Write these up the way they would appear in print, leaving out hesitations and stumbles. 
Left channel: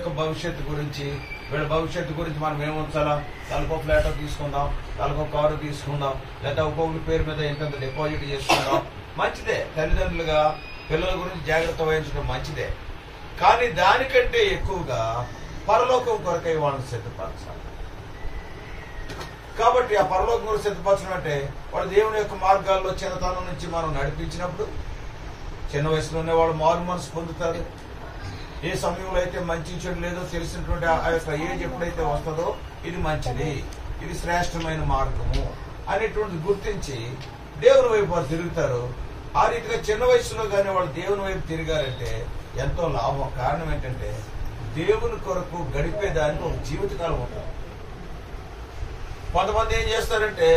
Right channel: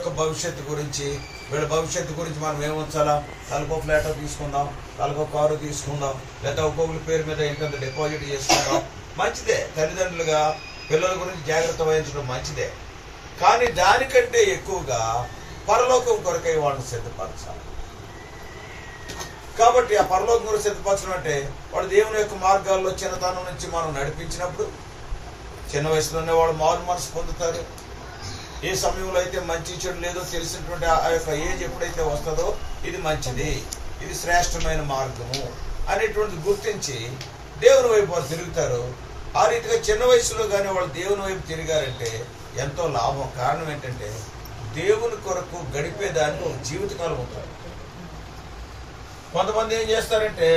యొక్క భవిష్యత్తు గురించి, వీళ్ళ భవిష్యత్తు గురించి మనం ఏముంచాలా, తలకో ఫ్లాట్ తీసుకుందాం, తలకో కారు తీసుకుందాం, లేదా ఒక్కొక్కరి పేరు మీద ఇంత డిపాజిట్ చేసుకుందాం. మంచిదే, తల్లిదండ్రులుగా పిల్లల గురించి జాగ్రత్త వహించడం మంచిదే. కానీ దానికంటే ఎక్కువగా పరలోకం కొరకై వాళ్ళని సిద్ధపరచాలి. కాబట్టి ఆ పరలోకం కొరకు సిద్ధపరచడం అంటే వాళ్ళు దేవుని యొక్క మార్గాల్లో చిన్నతనం నుంచి మనం నడిపించినప్పుడు చిన్న వయసులోనే వాళ్ళు మారు మనసు పొందుతారు. ఏ సమయంలో అయితే మంచి చెడు లేదో తెలిసినటువంటి ఆ యొక్క ఏజ్ ఎప్పుడైతే వస్తుందో ఇది మంచిది, ఇది శ్రేష్టమైన మార్గము అనేటువంటిది గుర్తించి దేవుని వైపు వాళ్ళు తిరుగుతారు. ఆ రీతిగా చిన్న వయసులో కానీ వాళ్ళు దేవుని వైపు తిరిగారంటే ఎంతో లాభం. కారణం ఏంటంటే దేవుని కొరకు గడిపేదానికి ఒక జీవితకాలం ఉంటుంది. కొంతమంది ఏం చేస్తారంటే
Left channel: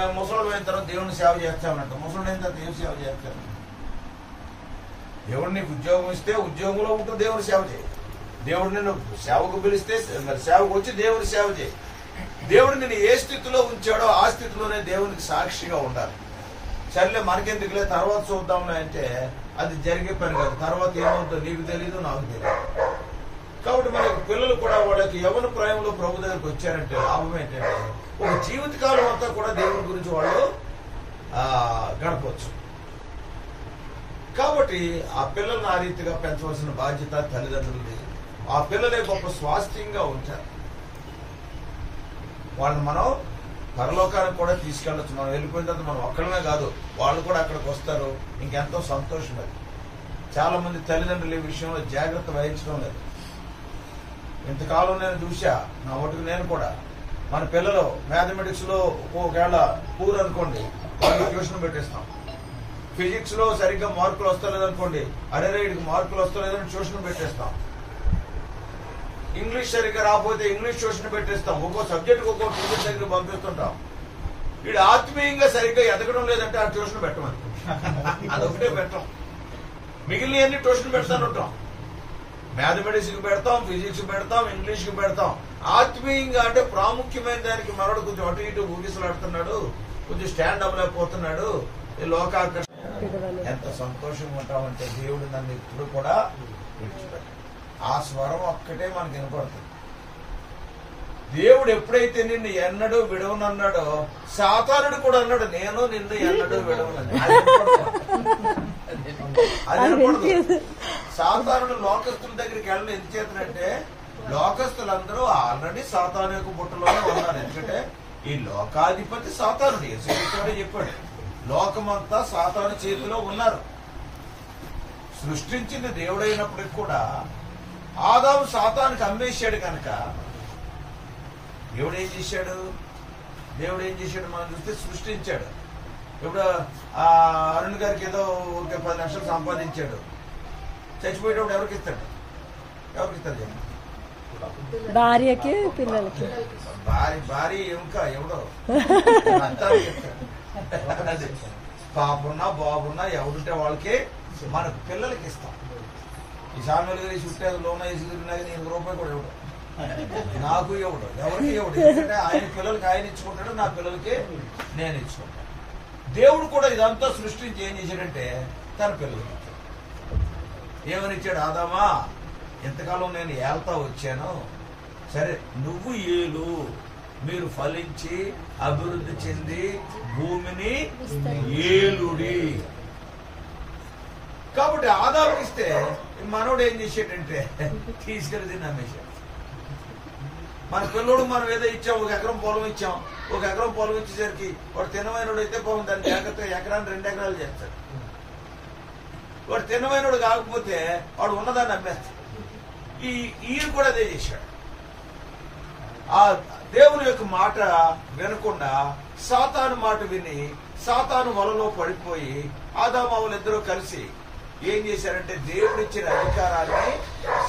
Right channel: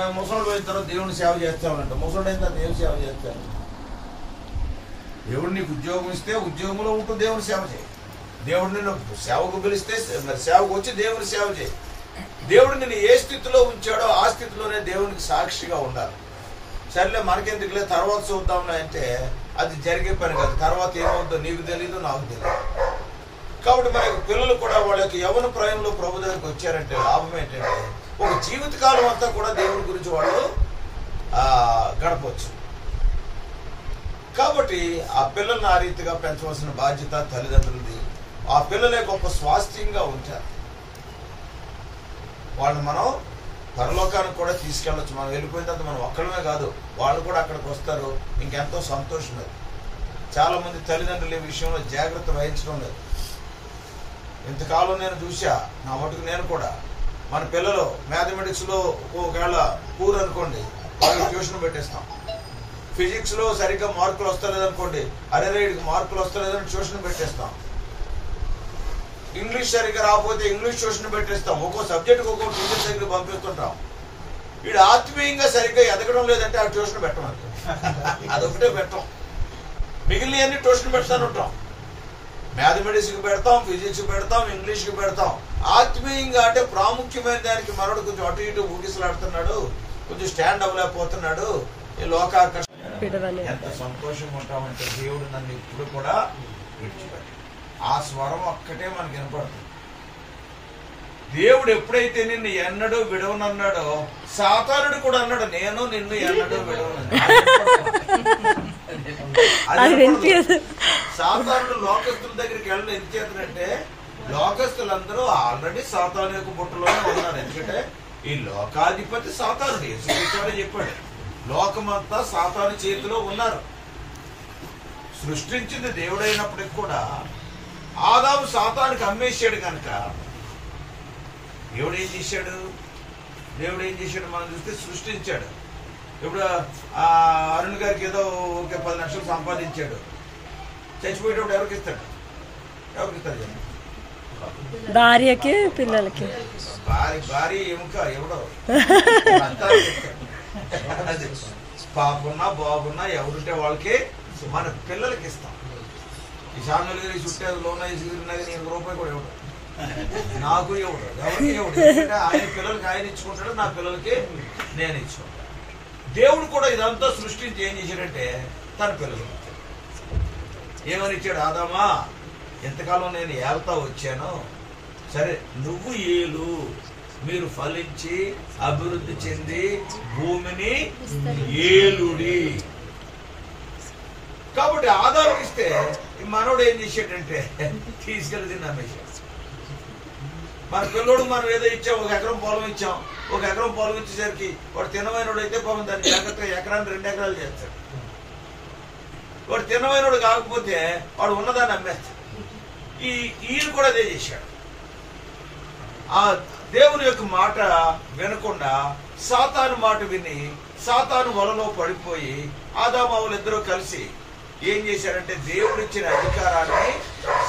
మేము ముసలి అయిన తర్వాత దేవుని సేవ చేస్తామంట. ముసలి అయిన తర్వాత ఏం సేవ చేస్తాను? దేవుడు నీకు ఉద్యోగం ఇస్తే ఉద్యోగంలో ఉంటూ దేవుని సేవ చేయి. దేవుడు నిన్ను సేవకు పిలిస్తే మరి సేవకు వచ్చి దేవుని సేవ చేయి. దేవుడు నిన్ను ఏ స్థితిలో ఉంచాడో ఆ స్థితిలోనే దేవునికి సాక్షిగా ఉండాలి. సర్లే మనకెందుకులే తర్వాత చూద్దాంలే అంటే అది జరిగే పని కాదు. తర్వాత ఏమవుతుందో నీకు తెలీదు, నాకు తెలియదు. కాబట్టి మన యొక్క పిల్లలు కూడా వాళ్ళ యొక్క యవ్వన ప్రాయంలో ప్రభు దగ్గరికి వచ్చారంటే లాభం ఏంటంటే ఒక జీవితకాలం అంతా కూడా దేవుని గురించి వాళ్ళు గడపవచ్చు. కాబట్టి ఆ పిల్లల్ని ఆ రీతిగా పెంచవలసిన బాధ్యత తల్లిదండ్రులది. ఆ పిల్లలే గొప్ప స్వాస్థ్యంగా ఉంటారు. వాళ్ళని మనం పరలోకానికి కూడా తీసుకెళ్ళచ్చు. మనం వెళ్ళిపోయిన తర్వాత మనం ఒక్కడమే కాదు, వాళ్ళు కూడా అక్కడికి వస్తారు. ఇంకెంతో సంతోషం లేదు. చాలా మంది తల్లిదండ్రులు ఈ విషయంలో జాగ్రత్త వహించడం లేదు. ఇంతకాలం నేను చూసా, నా మటుకు నేను కూడా మన పిల్లలు మ్యాథమెటిక్స్ లో ఒకవేళ పూర్ అనుకోండి, వాళ్ళకి ట్యూషన్ పెట్టేస్తాం. ఫిజిక్స్ లో సరిగ్గా మార్కులు వస్తలేదనుకోండి, అరెరైడ్కి మార్కులు వస్తలేదని ట్యూషన్ పెట్టేస్తాం. ఇంగ్లీష్ సరిగ్గా రాకపోతే ఇంగ్లీష్ ట్యూషన్ పెట్టేస్తాం. ఒక్కో సబ్జెక్ట్ ఒక్కో టీచర్ దగ్గర పంపిస్తుంటాం. వీడు ఆత్మీయంగా సరిగ్గా ఎదగడం లేదంటే ఆ ట్యూషన్ పెట్టమని అదొకటే పెట్టం. మిగిలిన అన్ని ట్యూషన్ పెడతాను ఉంటాం. మ్యాథమెటిక్స్ కి పెడతాం, ఫిజిక్స్ కి పెడతాం, ఇంగ్లీష్ కి పెడతాం. ఆత్మీయంగా అంటే ప్రాముఖ్యమైన దానికి మనోడు కొంచెం అటు ఇటు ఊగిసలాడుతున్నాడు, కొంచెం స్టాండ్ అవ్వలేకపోతున్నాడు. ఈ లోకాకర్షణ ఎంత సంతోషంగా ఉంటామంటే దేవుడు నన్ను ఇప్పుడు కూడా విడిచిపెట్టాడు. ఆ స్వరం ఒక్కటే మనకి వినపడుతుంది. దేవుడు ఎప్పుడైతే నిన్ను ఎన్నడూ విడవనన్నాడో సాతానుడు కూడా అన్నాడు, నేను నిన్ను ఎన్నడూ విడవనన్నాడు. సాతానుడు లోకస్తుల దగ్గరికి వెళ్ళడం ఎందుకు చేతనంటే లోకస్తులందరూ ఆల్రెడీ సాతాను యొక్క బుట్టలోనే ఉన్నారు. ఎందుకంటే ఈ లోకాధిపతి సాతానుడు. యేసుక్రీస్తు చెప్పాడు, లోకమంతా సాతాను చేతిలో ఉన్నారు. సృష్టించింది దేవుడైనప్పటికి కూడా ఆదాము సాతానికి అమ్మేశాడు కనుక దేవుడు ఏం చేశాడు మనం చూస్తే సృష్టించాడు. ఇప్పుడు ఆ అరుణ్ గారికి ఏదో 10 లక్షలు సంపాదించాడు. చచ్చిపోయేటప్పుడు ఎవరికి ఇస్తాడు? భార్యకి, పిల్లలకి. భార్య ఎముక ఎవడో పాపున్నా బాబున్నా ఎవరుంటే వాళ్ళకి మన పిల్లలకి ఇస్తాం. ఈ సామెతలు గారి చుట్టే లోన నేను రూపాయి కూడా ఇవ్వడు, నాకు ఇవ్వడు, ఎవరికి ఇవ్వడు. ఎందుకంటే ఆయన పిల్లలకి ఆయన ఇచ్చుకుంటాడు, నా పిల్లలకి నేను ఇచ్చుకుంటాను. దేవుడు కూడా ఇదంతా సృష్టించి ఏం చేశాడంటే తన పిల్లలకి ఏమని ఇచ్చాడు? ఆదామా, ఇంతకాలం నేను ఏళ్తా వచ్చాను, సరే నువ్వు ఏలు, మీరు ఫలించి అభివృద్ధి చెంది భూమిని ఏలుడి. కాబట్టి ఆదాముకి ఇస్తే మనోడు ఏం చేశాడంటే తీసుకెళ్ళి తిని అమ్మేశాడు. మన పిల్లోడు మనం ఏదో ఇచ్చాం, 1 ఎకరం పొలం ఇచ్చాం. 1 ఎకరం పొలం ఇచ్చేసరికి వాడు తినమైనడు అయితే పాపం దాన్ని జాగ్రత్తగా ఎకరాన్ని 2 ఎకరాలు చేస్తాడు. వాడు తినమైనడు కాకపోతే వాడు ఉన్నదాన్ని అమ్మేస్తాడు. ఈయన కూడా అదే చేశాడు. ఆ దేవుని యొక్క మాట వినకుండా సాతాను మాట విని సాతాను వలలో పడిపోయి ఆదాము ఇద్దరూ కలిసి ఏం చేశారంటే దేవుడు ఇచ్చిన అధికారాన్ని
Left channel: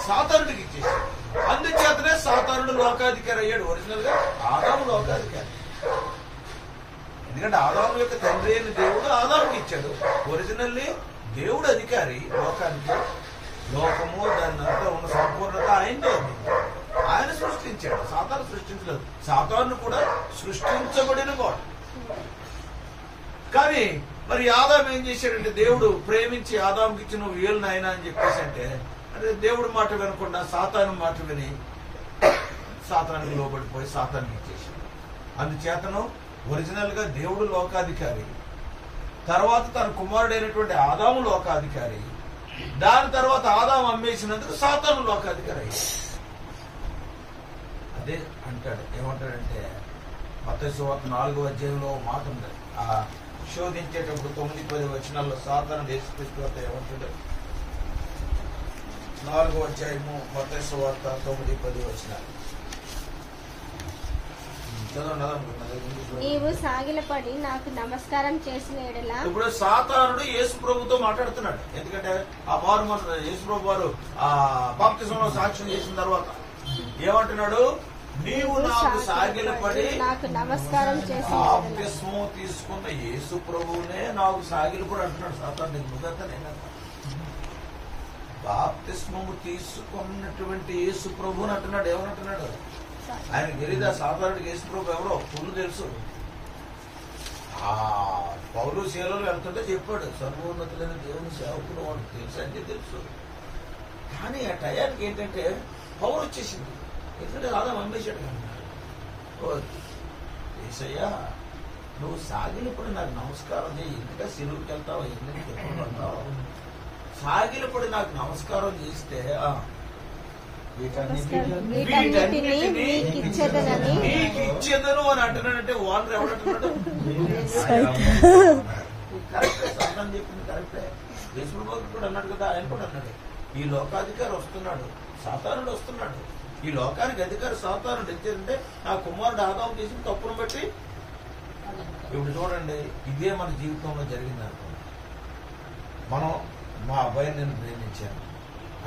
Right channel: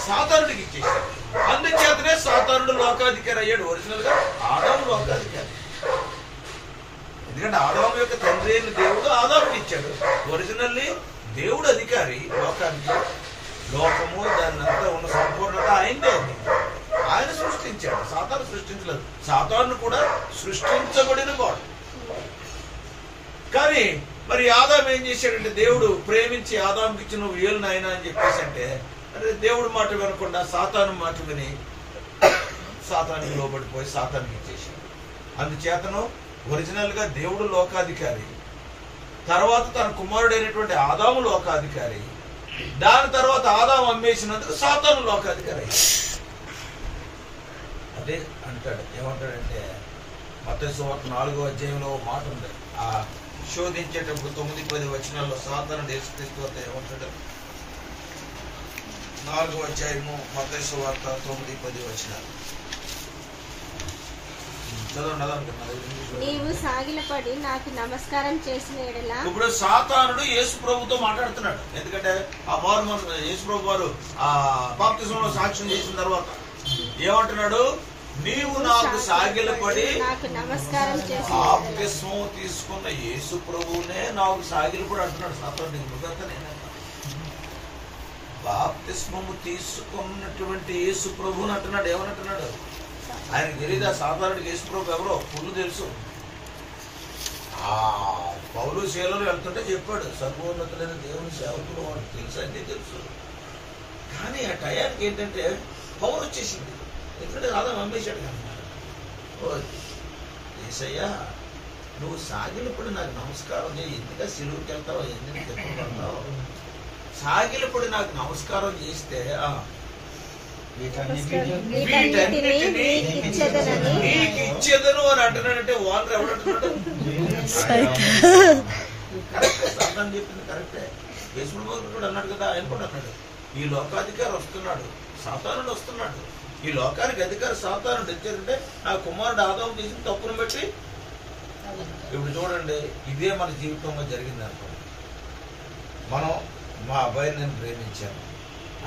సాతానుడికి ఇచ్చేశాడు. అందుచేతనే సాతానుడు లోకాధికారి అయ్యాడు. ఒరిజినల్ గా ఆదాము లోకాధికారి. ఎందుకంటే ఆదాము యొక్క తండ్రి అయిన దేవుడు ఆదాముకి ఇచ్చాడు. ఒరిజినల్లీ దేవుడు అధికారి లోకానికి. లోకము దానంతా ఉన్న సంపూర్ణత ఆయనదే. ఆయన సృష్టించాడు, సాతాను సృష్టించలేదు. సాతాను కూడా సృష్టించబడిన వాడు. కానీ మరి ఆదాము ఏం చేశాడంటే దేవుడు ప్రేమించి ఆదాముకి ఇచ్చిన నువ్వు ఏలు నాయన అని చెప్పేసి అంటే అదే దేవుడి మాట వినకుండా సాతాను మాట విని సాతానికి లోబడిపోయి సాతానికి ఇచ్చేసాడు. అందుచేతను ఒరిజినల్ గా దేవుడు లోకాధికారి, తర్వాత తన కుమారుడైనటువంటి ఆదాము లోకాధికారి, దాని తర్వాత ఆదాము అమ్మేసినందుకు సాతాను లోకాధికారి. అదే అంటాడు, ఏమంటాడంటే మత్తయి సువార్త 4వ అధ్యాయంలో మాట ఉంది. ఆ శోధించేటప్పుడు 9-10 వచనాల్లో సాతాను యేసుక్రీస్తు వద్ద ఏమంటాడు? 4వ అధ్యాయము మత్తయి సువార్త 9-10 వచనాలు నీవు సాగిలపడి నాకు నమస్కారం చేసిన ఎడల. ఇప్పుడు సాతానుడు యేసు ప్రభుతో మాట్లాడుతున్నాడు. ఎందుకంటే ఆ మారు మన యేసు ప్రభు వారు ఆ బాప్తిజంలో సాక్ష్యం చేసిన తర్వాత ఏమంటున్నాడు? నీవు నాకు సాగిలపడి నాకు నమస్కారం చేసిన బాప్తిజం తీసుకున్న యేసు ప్రభువునే నాకు సాగిలపడి అంటున్నాడు సాతానుడు. నేను బాప్తిస్మము తీసుకున్నటువంటి యేసు ప్రభువుని అంటున్నాడు. ఏమనంటున్నాడు? ఆయనకు తెలీదా సాధారణకి యేసు ప్రభు ఎవరో? పుల్లు తెలుసు. ఆ పౌలు శీలలో వెళ్తుంటే చెప్పాడు, సర్వోన్నతులైన దేవుని సేవకుడు వాడు తెలుసు అంటే తెలుసు. కానీ ఆ టయానికి ఏంటంటే పవర్ వచ్చేసింది. ఎందుకంటే రాధా అమ్మేశాడు కన్నా. ఏసయ్యా నువ్వు సాగిలపడి నాకు నమస్కారం చేయి, ఎందుక సిలువుకి వెళ్తావు, ఎందుకు తెప్పలు పడతావు? సాగిలపడి నాకు నమస్కారం చేస్తే ఇచ్చేదను అని అంటున్నాడంటే వాళ్ళు ఎవడంటున్నాడు? కరెక్టే, సాతాను చెప్పింది కరెక్టే. యేసు ప్రభు కూడా అన్నాడు కదా, ఆయన కూడా అన్నాడు, ఈ లోకాధికారి వస్తున్నాడు, సాతానుడు వస్తున్నాడు. ఈ లోకానికి అధికారి సాతానుడు. ఎందుకంటే నా కుమారుడు ఆదాము చేసిన తప్పును బట్టి. ఇప్పుడు చూడండి, ఇదే మన జీవితంలో జరిగింది అనుకో. మనం మా అబ్బాయిని నేను ప్రేమించాను,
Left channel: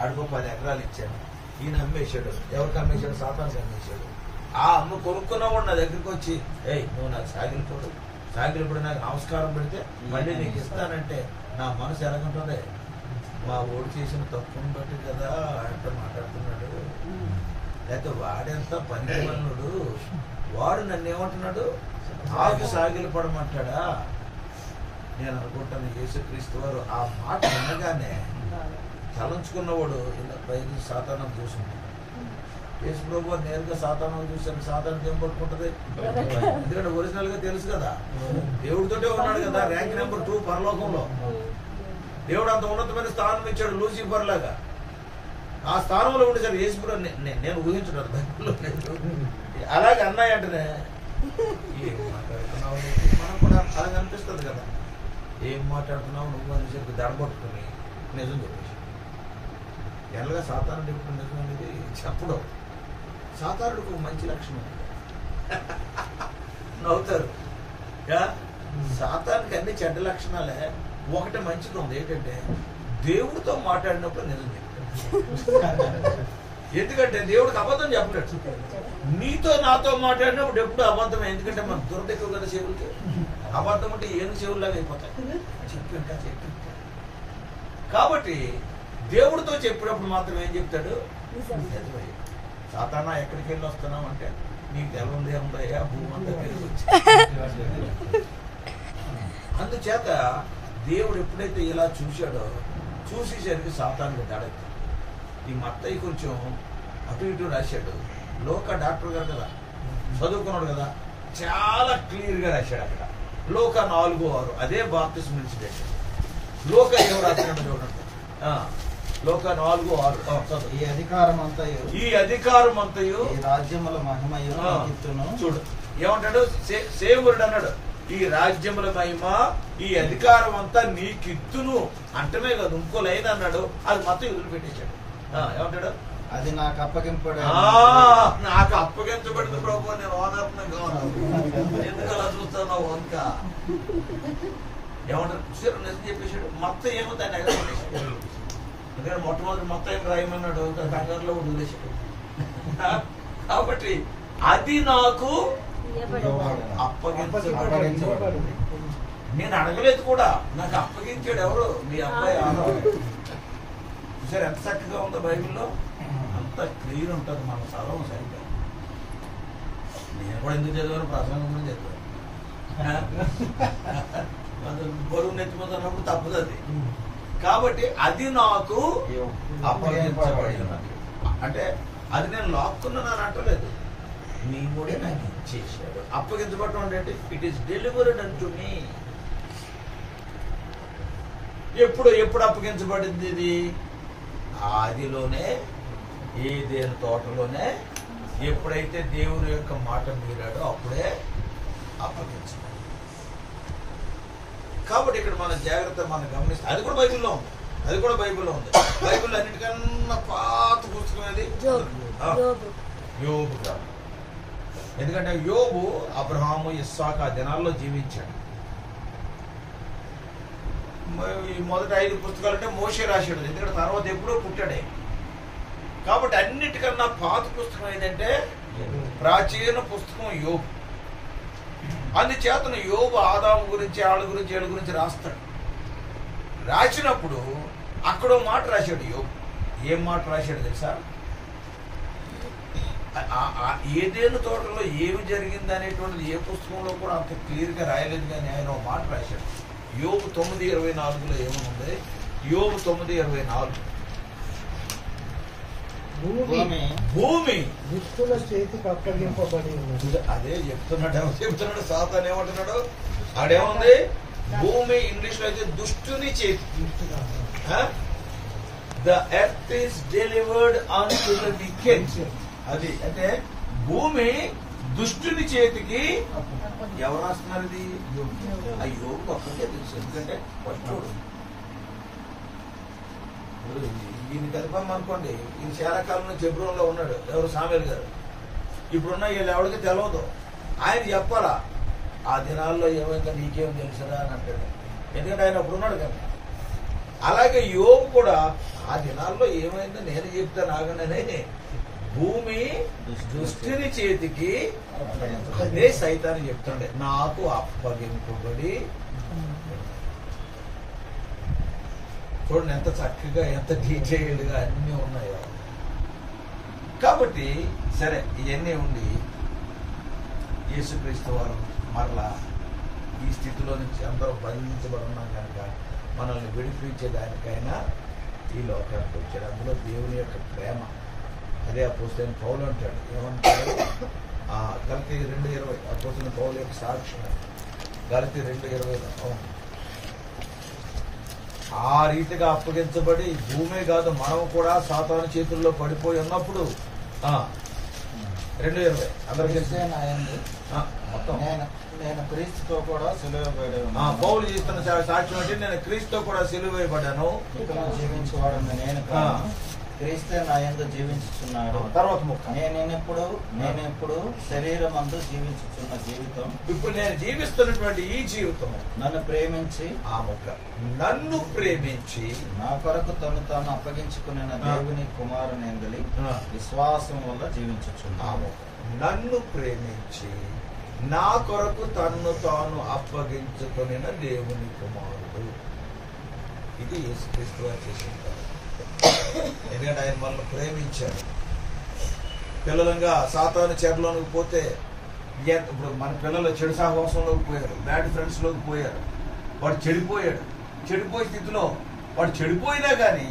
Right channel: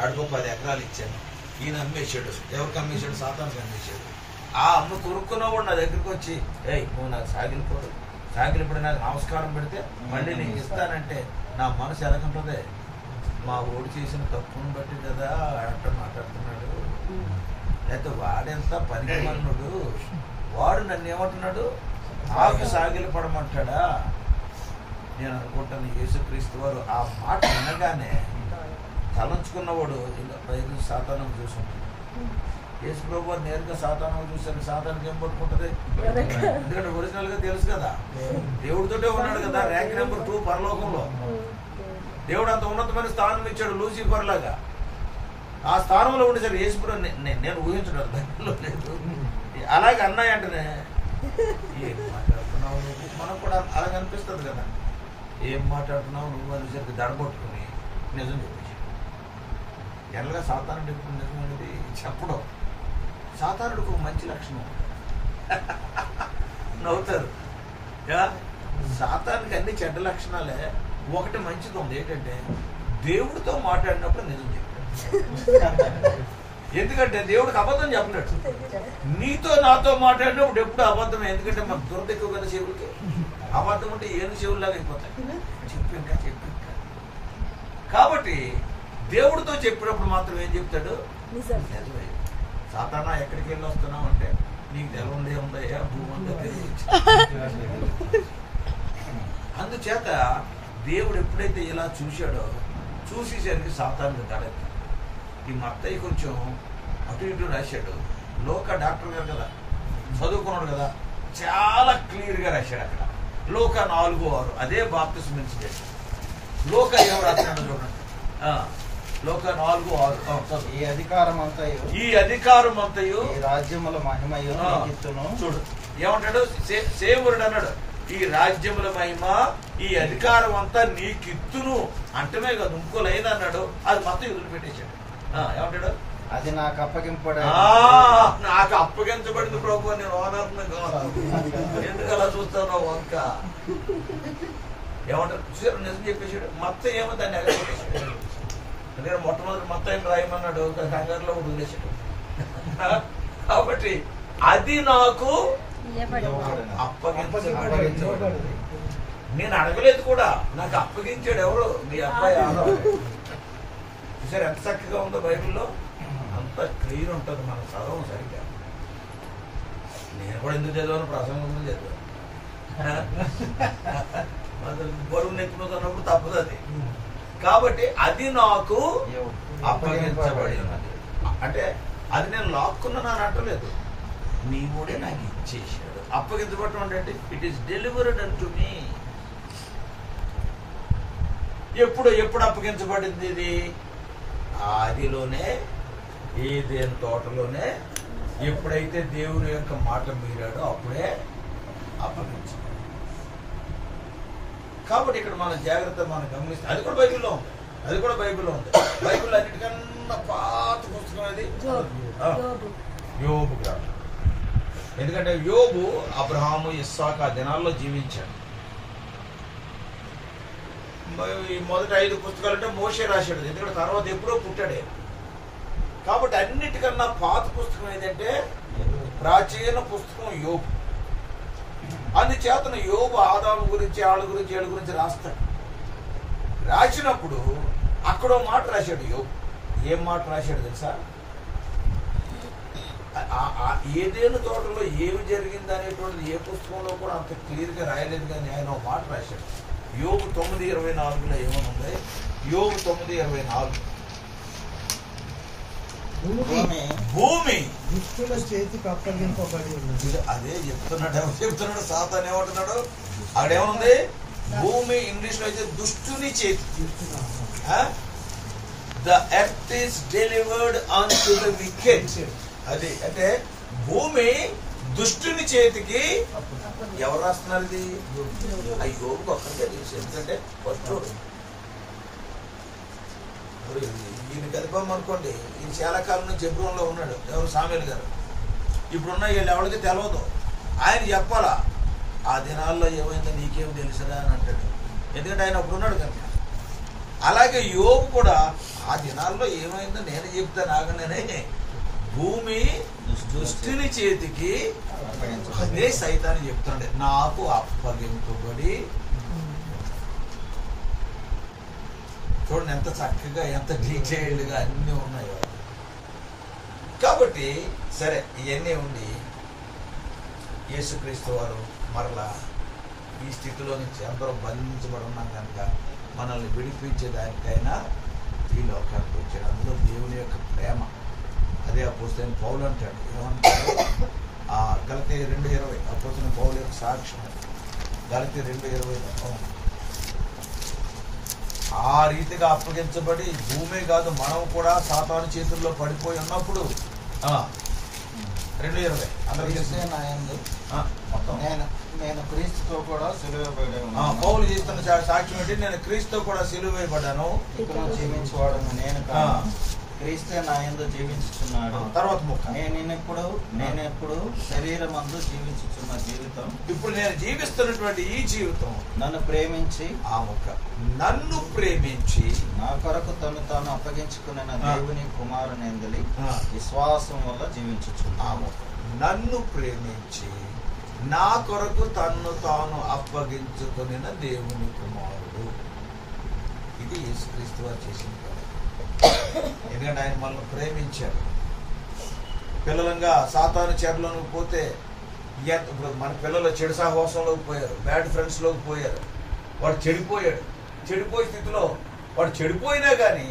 ఆడికో 10 ఎకరాలు ఇచ్చాను, ఈయన అమ్మేశాడు. ఎవరికి అమ్మేశాడు? సాతానికి అమ్మేశాడు. ఆ అమ్మ కొనుక్కున్నవాడు నా దగ్గరికి వచ్చి, ఏయ్ నువ్వు నాకు సాగిలిపడి నాకు నమస్కారం పెడితే మళ్ళీ నీకు ఇస్తానంటే నా మనసు ఎలాగుంటుంది? మా ఓడి చేసిన తప్పును బట్టి కదా అంటే మాట్లాడుతున్నాడు. లేకపోతే వాడెంత పనికిమన్నాడు, వాడు నన్ను ఏమంటున్నాడు? నాకు సాగిలపడమంటాడా? నేను అనుకుంటాను యేసుక్రీస్తు వారు ఆ మాట వినగానే తలంచుకున్నవాడు బయలు సాతానం చూసుంటాడు. యేసు ప్రభు నేరుగా సాతానం చూశాడు. సాతానికి ఏం పట్టుకుంటది? ఎందుకంటే ఒరిజినల్ గా తెలుసు కదా, దేవుడితోటే ఉన్నాడు కదా. ర్యాంక్ నెంబర్ 2 పరలోకంలో దేవుడు అంత ఉన్నతమైన స్థానం ఇచ్చాడు లూసిఫర్ లాగా. ఆ స్థానంలో ఉండేసరికి యేసు ప్రభు నేను ఊహించడం బైబిల్లో లేదు. అలాగే అన్నాయి అంటేనే ఏం మాట్లాడుతున్నావు? మనకు కూడా అలా అనిపిస్తుంది కదా, ఏం మాట్లాడుతున్నావు నువ్వు అనేసరికి దడబొట్టుకుని నిజం చెప్పేసి. ఎలాగా సాతానుడు ఎప్పుడు నిజం అనేది చెప్పడం. సాతానుడికి ఒక మంచి లక్షణం నవ్వుతారు. సాతానికి అన్ని చెడ్డ లక్షణాలే, ఒకటి మంచిది ఉంది. ఏంటంటే దేవుడితో మాట్లాడినప్పుడు నిజం చెప్పాడు. ఎందుకంటే దేవుడికి అబద్ధం చెప్పినట్టు. నీతో నాతో మాట్లాడినప్పుడు ఎప్పుడు అబద్ధమే. ఎందుకంటే మన దురద ఎక్కువ కదా చెవులకి. అబద్ధం అంటే ఏను చెవుల్లాగా అయిపోతాయి. చెప్పు ఇంకా. కాబట్టి దేవుడితో చెప్పినప్పుడు మాత్రం ఏం చెప్తాడు? నిజమే. సాతానా ఎక్కడికి వెళ్ళి వస్తున్నావు అంటే నీకు తెలవుందే ఉందయ్యా, భూమి అంతా తిరిగి. అందుచేత దేవుడు ఎప్పుడైతే ఇలా చూశాడో చూసేసరికి సాతానికి దడెత్తి. ఈ మత్తయి కొంచెం అటు ఇటు రాశాడు. లోక డాక్టర్ గారు కదా, చదువుకున్నాడు కదా, చాలా క్లియర్ గా రాశాడు అక్కడ. లోక 4:6 అదే బాప్తిస్మం ఇన్సిడెంట్. లోక ఏం రాస్తున్నాడు చూడండి. లోక 4:6 ఈ అధికారం అంతయు ఈ రాజ్యముల మహిమయు చూడు ఏమంటాడు? సేవరుడు అన్నాడు, ఈ రాజ్యముల మహిమ ఈ అధికారం అంతా నీకిత్తును అంటమే కాదు, ఇంకో లైన్ అన్నాడు. అది మొత్తం వదిలిపెట్టేశాడు. ఏమంటాడు? అది నాకు అప్పగింపబడింది. నాకు అప్పగించబడింది ప్రభు, నేను ఓనర్నంగా ఎందుకు అలా చూస్తాను వంక. ఏమంటారు? నిజం చెప్పేశాడు. మొత్తం ఏమో దాన్ని ఎగరగొట్టేశాడు. అందుకని మొట్టమొదటి మొత్తం ఏం రాయమన్నాడు, కంగారులో వదిలేశాడు. కాబట్టి అది నాకు అప్పగించబడింది. నేను అడగలేదు కూడా, నాకు అప్పగించాడు ఎవరు? మీ అబ్బాయి ఆదాము. చూసారు ఎంత చక్కగా ఉందో బైబిల్లో. అంత క్లియర్ ఉంటుంది. మన చదవం సరిగ్గా. నేను కూడా ఎందుకు చదివాను? ప్రసంగం చదివాను. బరువు నెచ్చిపోతున్నప్పుడు తప్పదు అది. కాబట్టి అది నాకు అప్పగించబడి ఉన్నది. అంటే అది నేను లాక్కున్నాను అని అంటలేదు, నీవుడే నాకు ఇచ్చేసాడు. అప్పగించబడటం అంటే ఇట్ ఈస్ డెలివర్డ్ అంటు మీ. ఎప్పుడు అప్పగించబడింది ఇది? ఆదిలోనే, ఏదెను తోటలోనే ఎప్పుడైతే దేవుని యొక్క మాట మీరాడో అప్పుడే అప్పగించబడింది. కాబట్టి ఇక్కడ మనం జాగ్రత్త మనం గమనిస్తే అది కూడా బైబిల్లో ఉంది. బైబిల్లో అన్నిటికన్నా పాత పుస్తకం ఏది? యోబు గ్రంథం. ఎందుకంటే యోబు అబ్రహాము, ఇస్సాకు ఆ దినాల్లో జీవించాడు. ఈ మొదటి 5 పుస్తకాలు అంటే మోషే రాశాడు, ఎందుకంటే తర్వాత ఎప్పుడో పుట్టాడే. కాబట్టి అన్నిటికన్నా పాత పుస్తకం ఏదంటే ప్రాచీన పుస్తకం యోబు. అందుచేతను యోబు ఆదాము గురించి, వాళ్ళ గురించి, వీళ్ళ గురించి రాస్తాడు. రాసినప్పుడు అక్కడో మాట రాశాడు యోబు. ఏం మాట రాశాడు తెలుసా? ఏదేను తోటలో ఏమి జరిగింది అనేటువంటిది ఏ పుస్తకంలో కూడా అంత క్లియర్ గా రాయలేదు, కానీ ఆయన ఒక మాట రాశాడు. యోబు 9:24 ఏమనుంది? యోబు 9:24 భూమి దుష్టుల చేతికి అప్పగింపబడి ఉన్నది. అదే చెప్తున్నాడు సాతాను ఏమంటున్నాడు? ఆడేముంది? భూమి ఇంగ్లీష్ లో అయితే దుష్టుని చేతి. The earth is delivered on to the wicket. అది అంటే భూమి దుష్టుని చేతికి ఎవరు రాస్తున్నారు? ఇది అయ్యో ఒక్కరికే తెలుసు. ఎందుకంటే ఫస్ట్ ఈయన కదిపామనుకోండి, ఈయన చాలా కాలం నుంచి జెబ్రోన్ లో ఉన్నాడు. ఎవరు? సామేలు గారు. ఇప్పుడున్న వీళ్ళు ఎవరికి తెలియదు. ఆయన చెప్పాలా ఆ దినాల్లో ఏమైందో నీకేం తెలుసురా అని అంటాడు, ఎందుకంటే ఆయన అప్పుడు ఉన్నాడు కనుక. అలాగే యోబు కూడా ఆ దినాల్లో ఏమైందో నేను చెప్తాను ఆగనే. భూమి దుష్టుని చేతికి, అదే సైతాన్ని చెప్తుండే, నాకు అప్పగింపబడి. చూడండి ఎంత చక్కగా, ఎంత డీటెయిల్డ్ గా అన్ని ఉన్నాయో. కాబట్టి సరే, ఇవన్నీ ఉండి యేసుక్రీస్తు వారు మరలా ఈ స్థితిలో నుంచి అందరూ బంధించబడి ఉన్నాం కనుక మనల్ని విడిపించే దానికైనా ఈ లోకానికి వచ్చాడు. అందులో దేవుని యొక్క ప్రేమ. అదే అపోస్తలుడైన పౌలు అంటాడు. ఏమంటాడు? గలతీ 2:20 అపోస్తలుడైన పౌలు యొక్క సాక్ష్యం. గలతీ 2:20 ఆ రీతిగా అప్పగించబడి, భూమే కాదు మనం కూడా సాతాను చేతుల్లో పడిపోయి ఉన్నప్పుడు 2:20 అందరికీ మొత్తం నేను క్రీస్తుతో కూడా సిలువబడి ఉన్నాను. పౌలు చేస్తున్న సాక్ష్యం ఏంటి? నేను క్రీస్తుతో కూడా సిలువేయబడ్డాను. జీవించేవాడు నేను క్రీస్తే నా యందు జీవించుచున్నాడు. తర్వాత ముక్క, నేనెప్పుడు శరీరమందు జీవించుచున్న జీవితం, ఇప్పుడు నేను జీవిస్తున్నటువంటి ఈ జీవితం నన్ను ప్రేమించి, ఆ ముక్క నన్ను ప్రేమించి నా కొరకు తాను అప్పగించుకున్న దేవుని కుమారుని విశ్వాసం వల్ల జీవించుచున్నాడు. ఆ ముక్క నన్ను ప్రేమించి నా కొరకు తాను అప్పగించుకుని దేవుని కుమారుడు. ఇది యేసుక్రీస్తు వారు చేసిన. ఎందుకంటే ఆయన మనల్ని ప్రేమించాడు. పిల్లలంగా సాతాను చెరలోకి పోతే, ఇప్పుడు మన పిల్లలు చెడు సహవాసంలోకి పోయారు, బ్యాడ్ ఫ్రెండ్స్ లోకి పోయారు. వాడు చెడిపోయే స్థితిలో వాడు చెడిపోయినా కానీ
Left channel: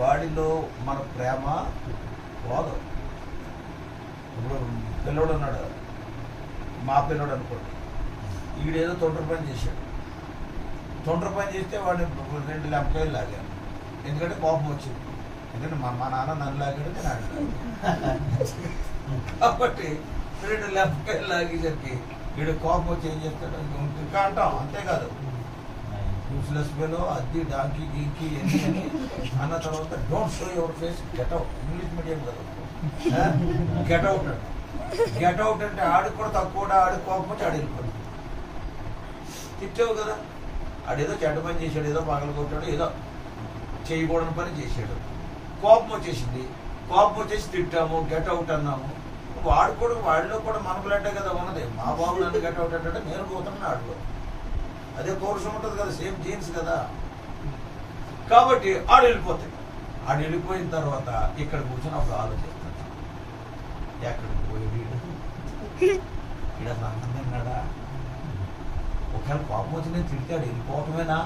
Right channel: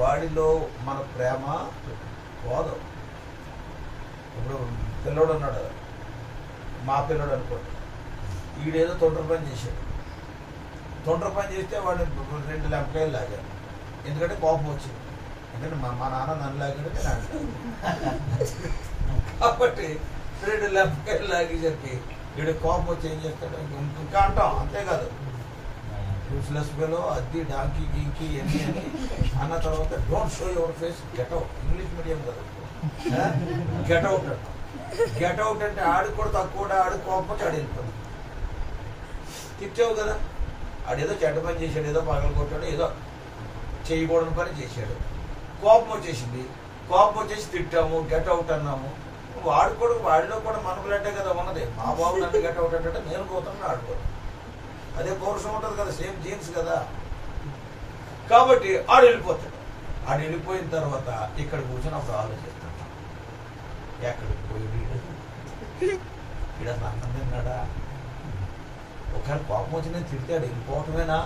వాడిలో మన ప్రేమ పోదు. ఇప్పుడు పిల్లోడు ఉన్నాడు, మా పిల్లోడు అనుకోండి, ఈడేదో తొండ్ర పని చేశాడు. తొండ్ర పని చేస్తే వాడిని 2 లెంపకాయలు లాగాను. ఎందుకంటే కోపం వచ్చింది. ఎందుకంటే మా నాన్న నన్ను లాగాడు, నేను ఆడాను. కాబట్టి 2 లెంపకాయలు లాగేసరికి వీడు కోపం వచ్చి ఏం చేస్తాడు? ఇంకా అంటాం. అంతేకాదు, యూస్లెస్ ఫెలో, అద్ది, డాంకీ, గీంకీ ఎన్ని అని అన్న తర్వాత don't show your face, get out. English medium కదా, గెట్ అవుట్ అంట. గెట్ అవుట్ అంటే ఆడు కూడా తక్కువ, ఆడు కోపం వచ్చి ఆడు వెళ్ళిపోతాడు. తిట్టావు కదా, ఆడేదో చెడ్డ పని చేశాడు, ఏదో పగలు కొట్టాడు, ఏదో చేయకూడని పని చేశాడు. కోపం వచ్చేసింది. కోపం వచ్చేసి తిట్టాము, గెట్ అవుట్ అన్నాము. వాడిలో కూడా మన బ్లడ్ కదా ఉన్నది. మా బాబు నన్ను గెట్ అవుట్ అంటే నేను పోతాను, ఆడుకో. అదే పౌరుషం ఉంటుంది కదా, సేమ్ జీన్స్ కదా. కాబట్టి ఆడు వెళ్ళిపోతాడు. ఆడు వెళ్ళిపోయిన తర్వాత ఇక్కడ కూర్చొని అప్పుడు ఆలోచిస్తాడు, ఎక్కడికి పోయి ఇక్కడ అన్నం తిన్నాడా? ఒకవేళ కోపం వచ్చి నేను తిడతాడు, వెళ్ళిపోవటమేనా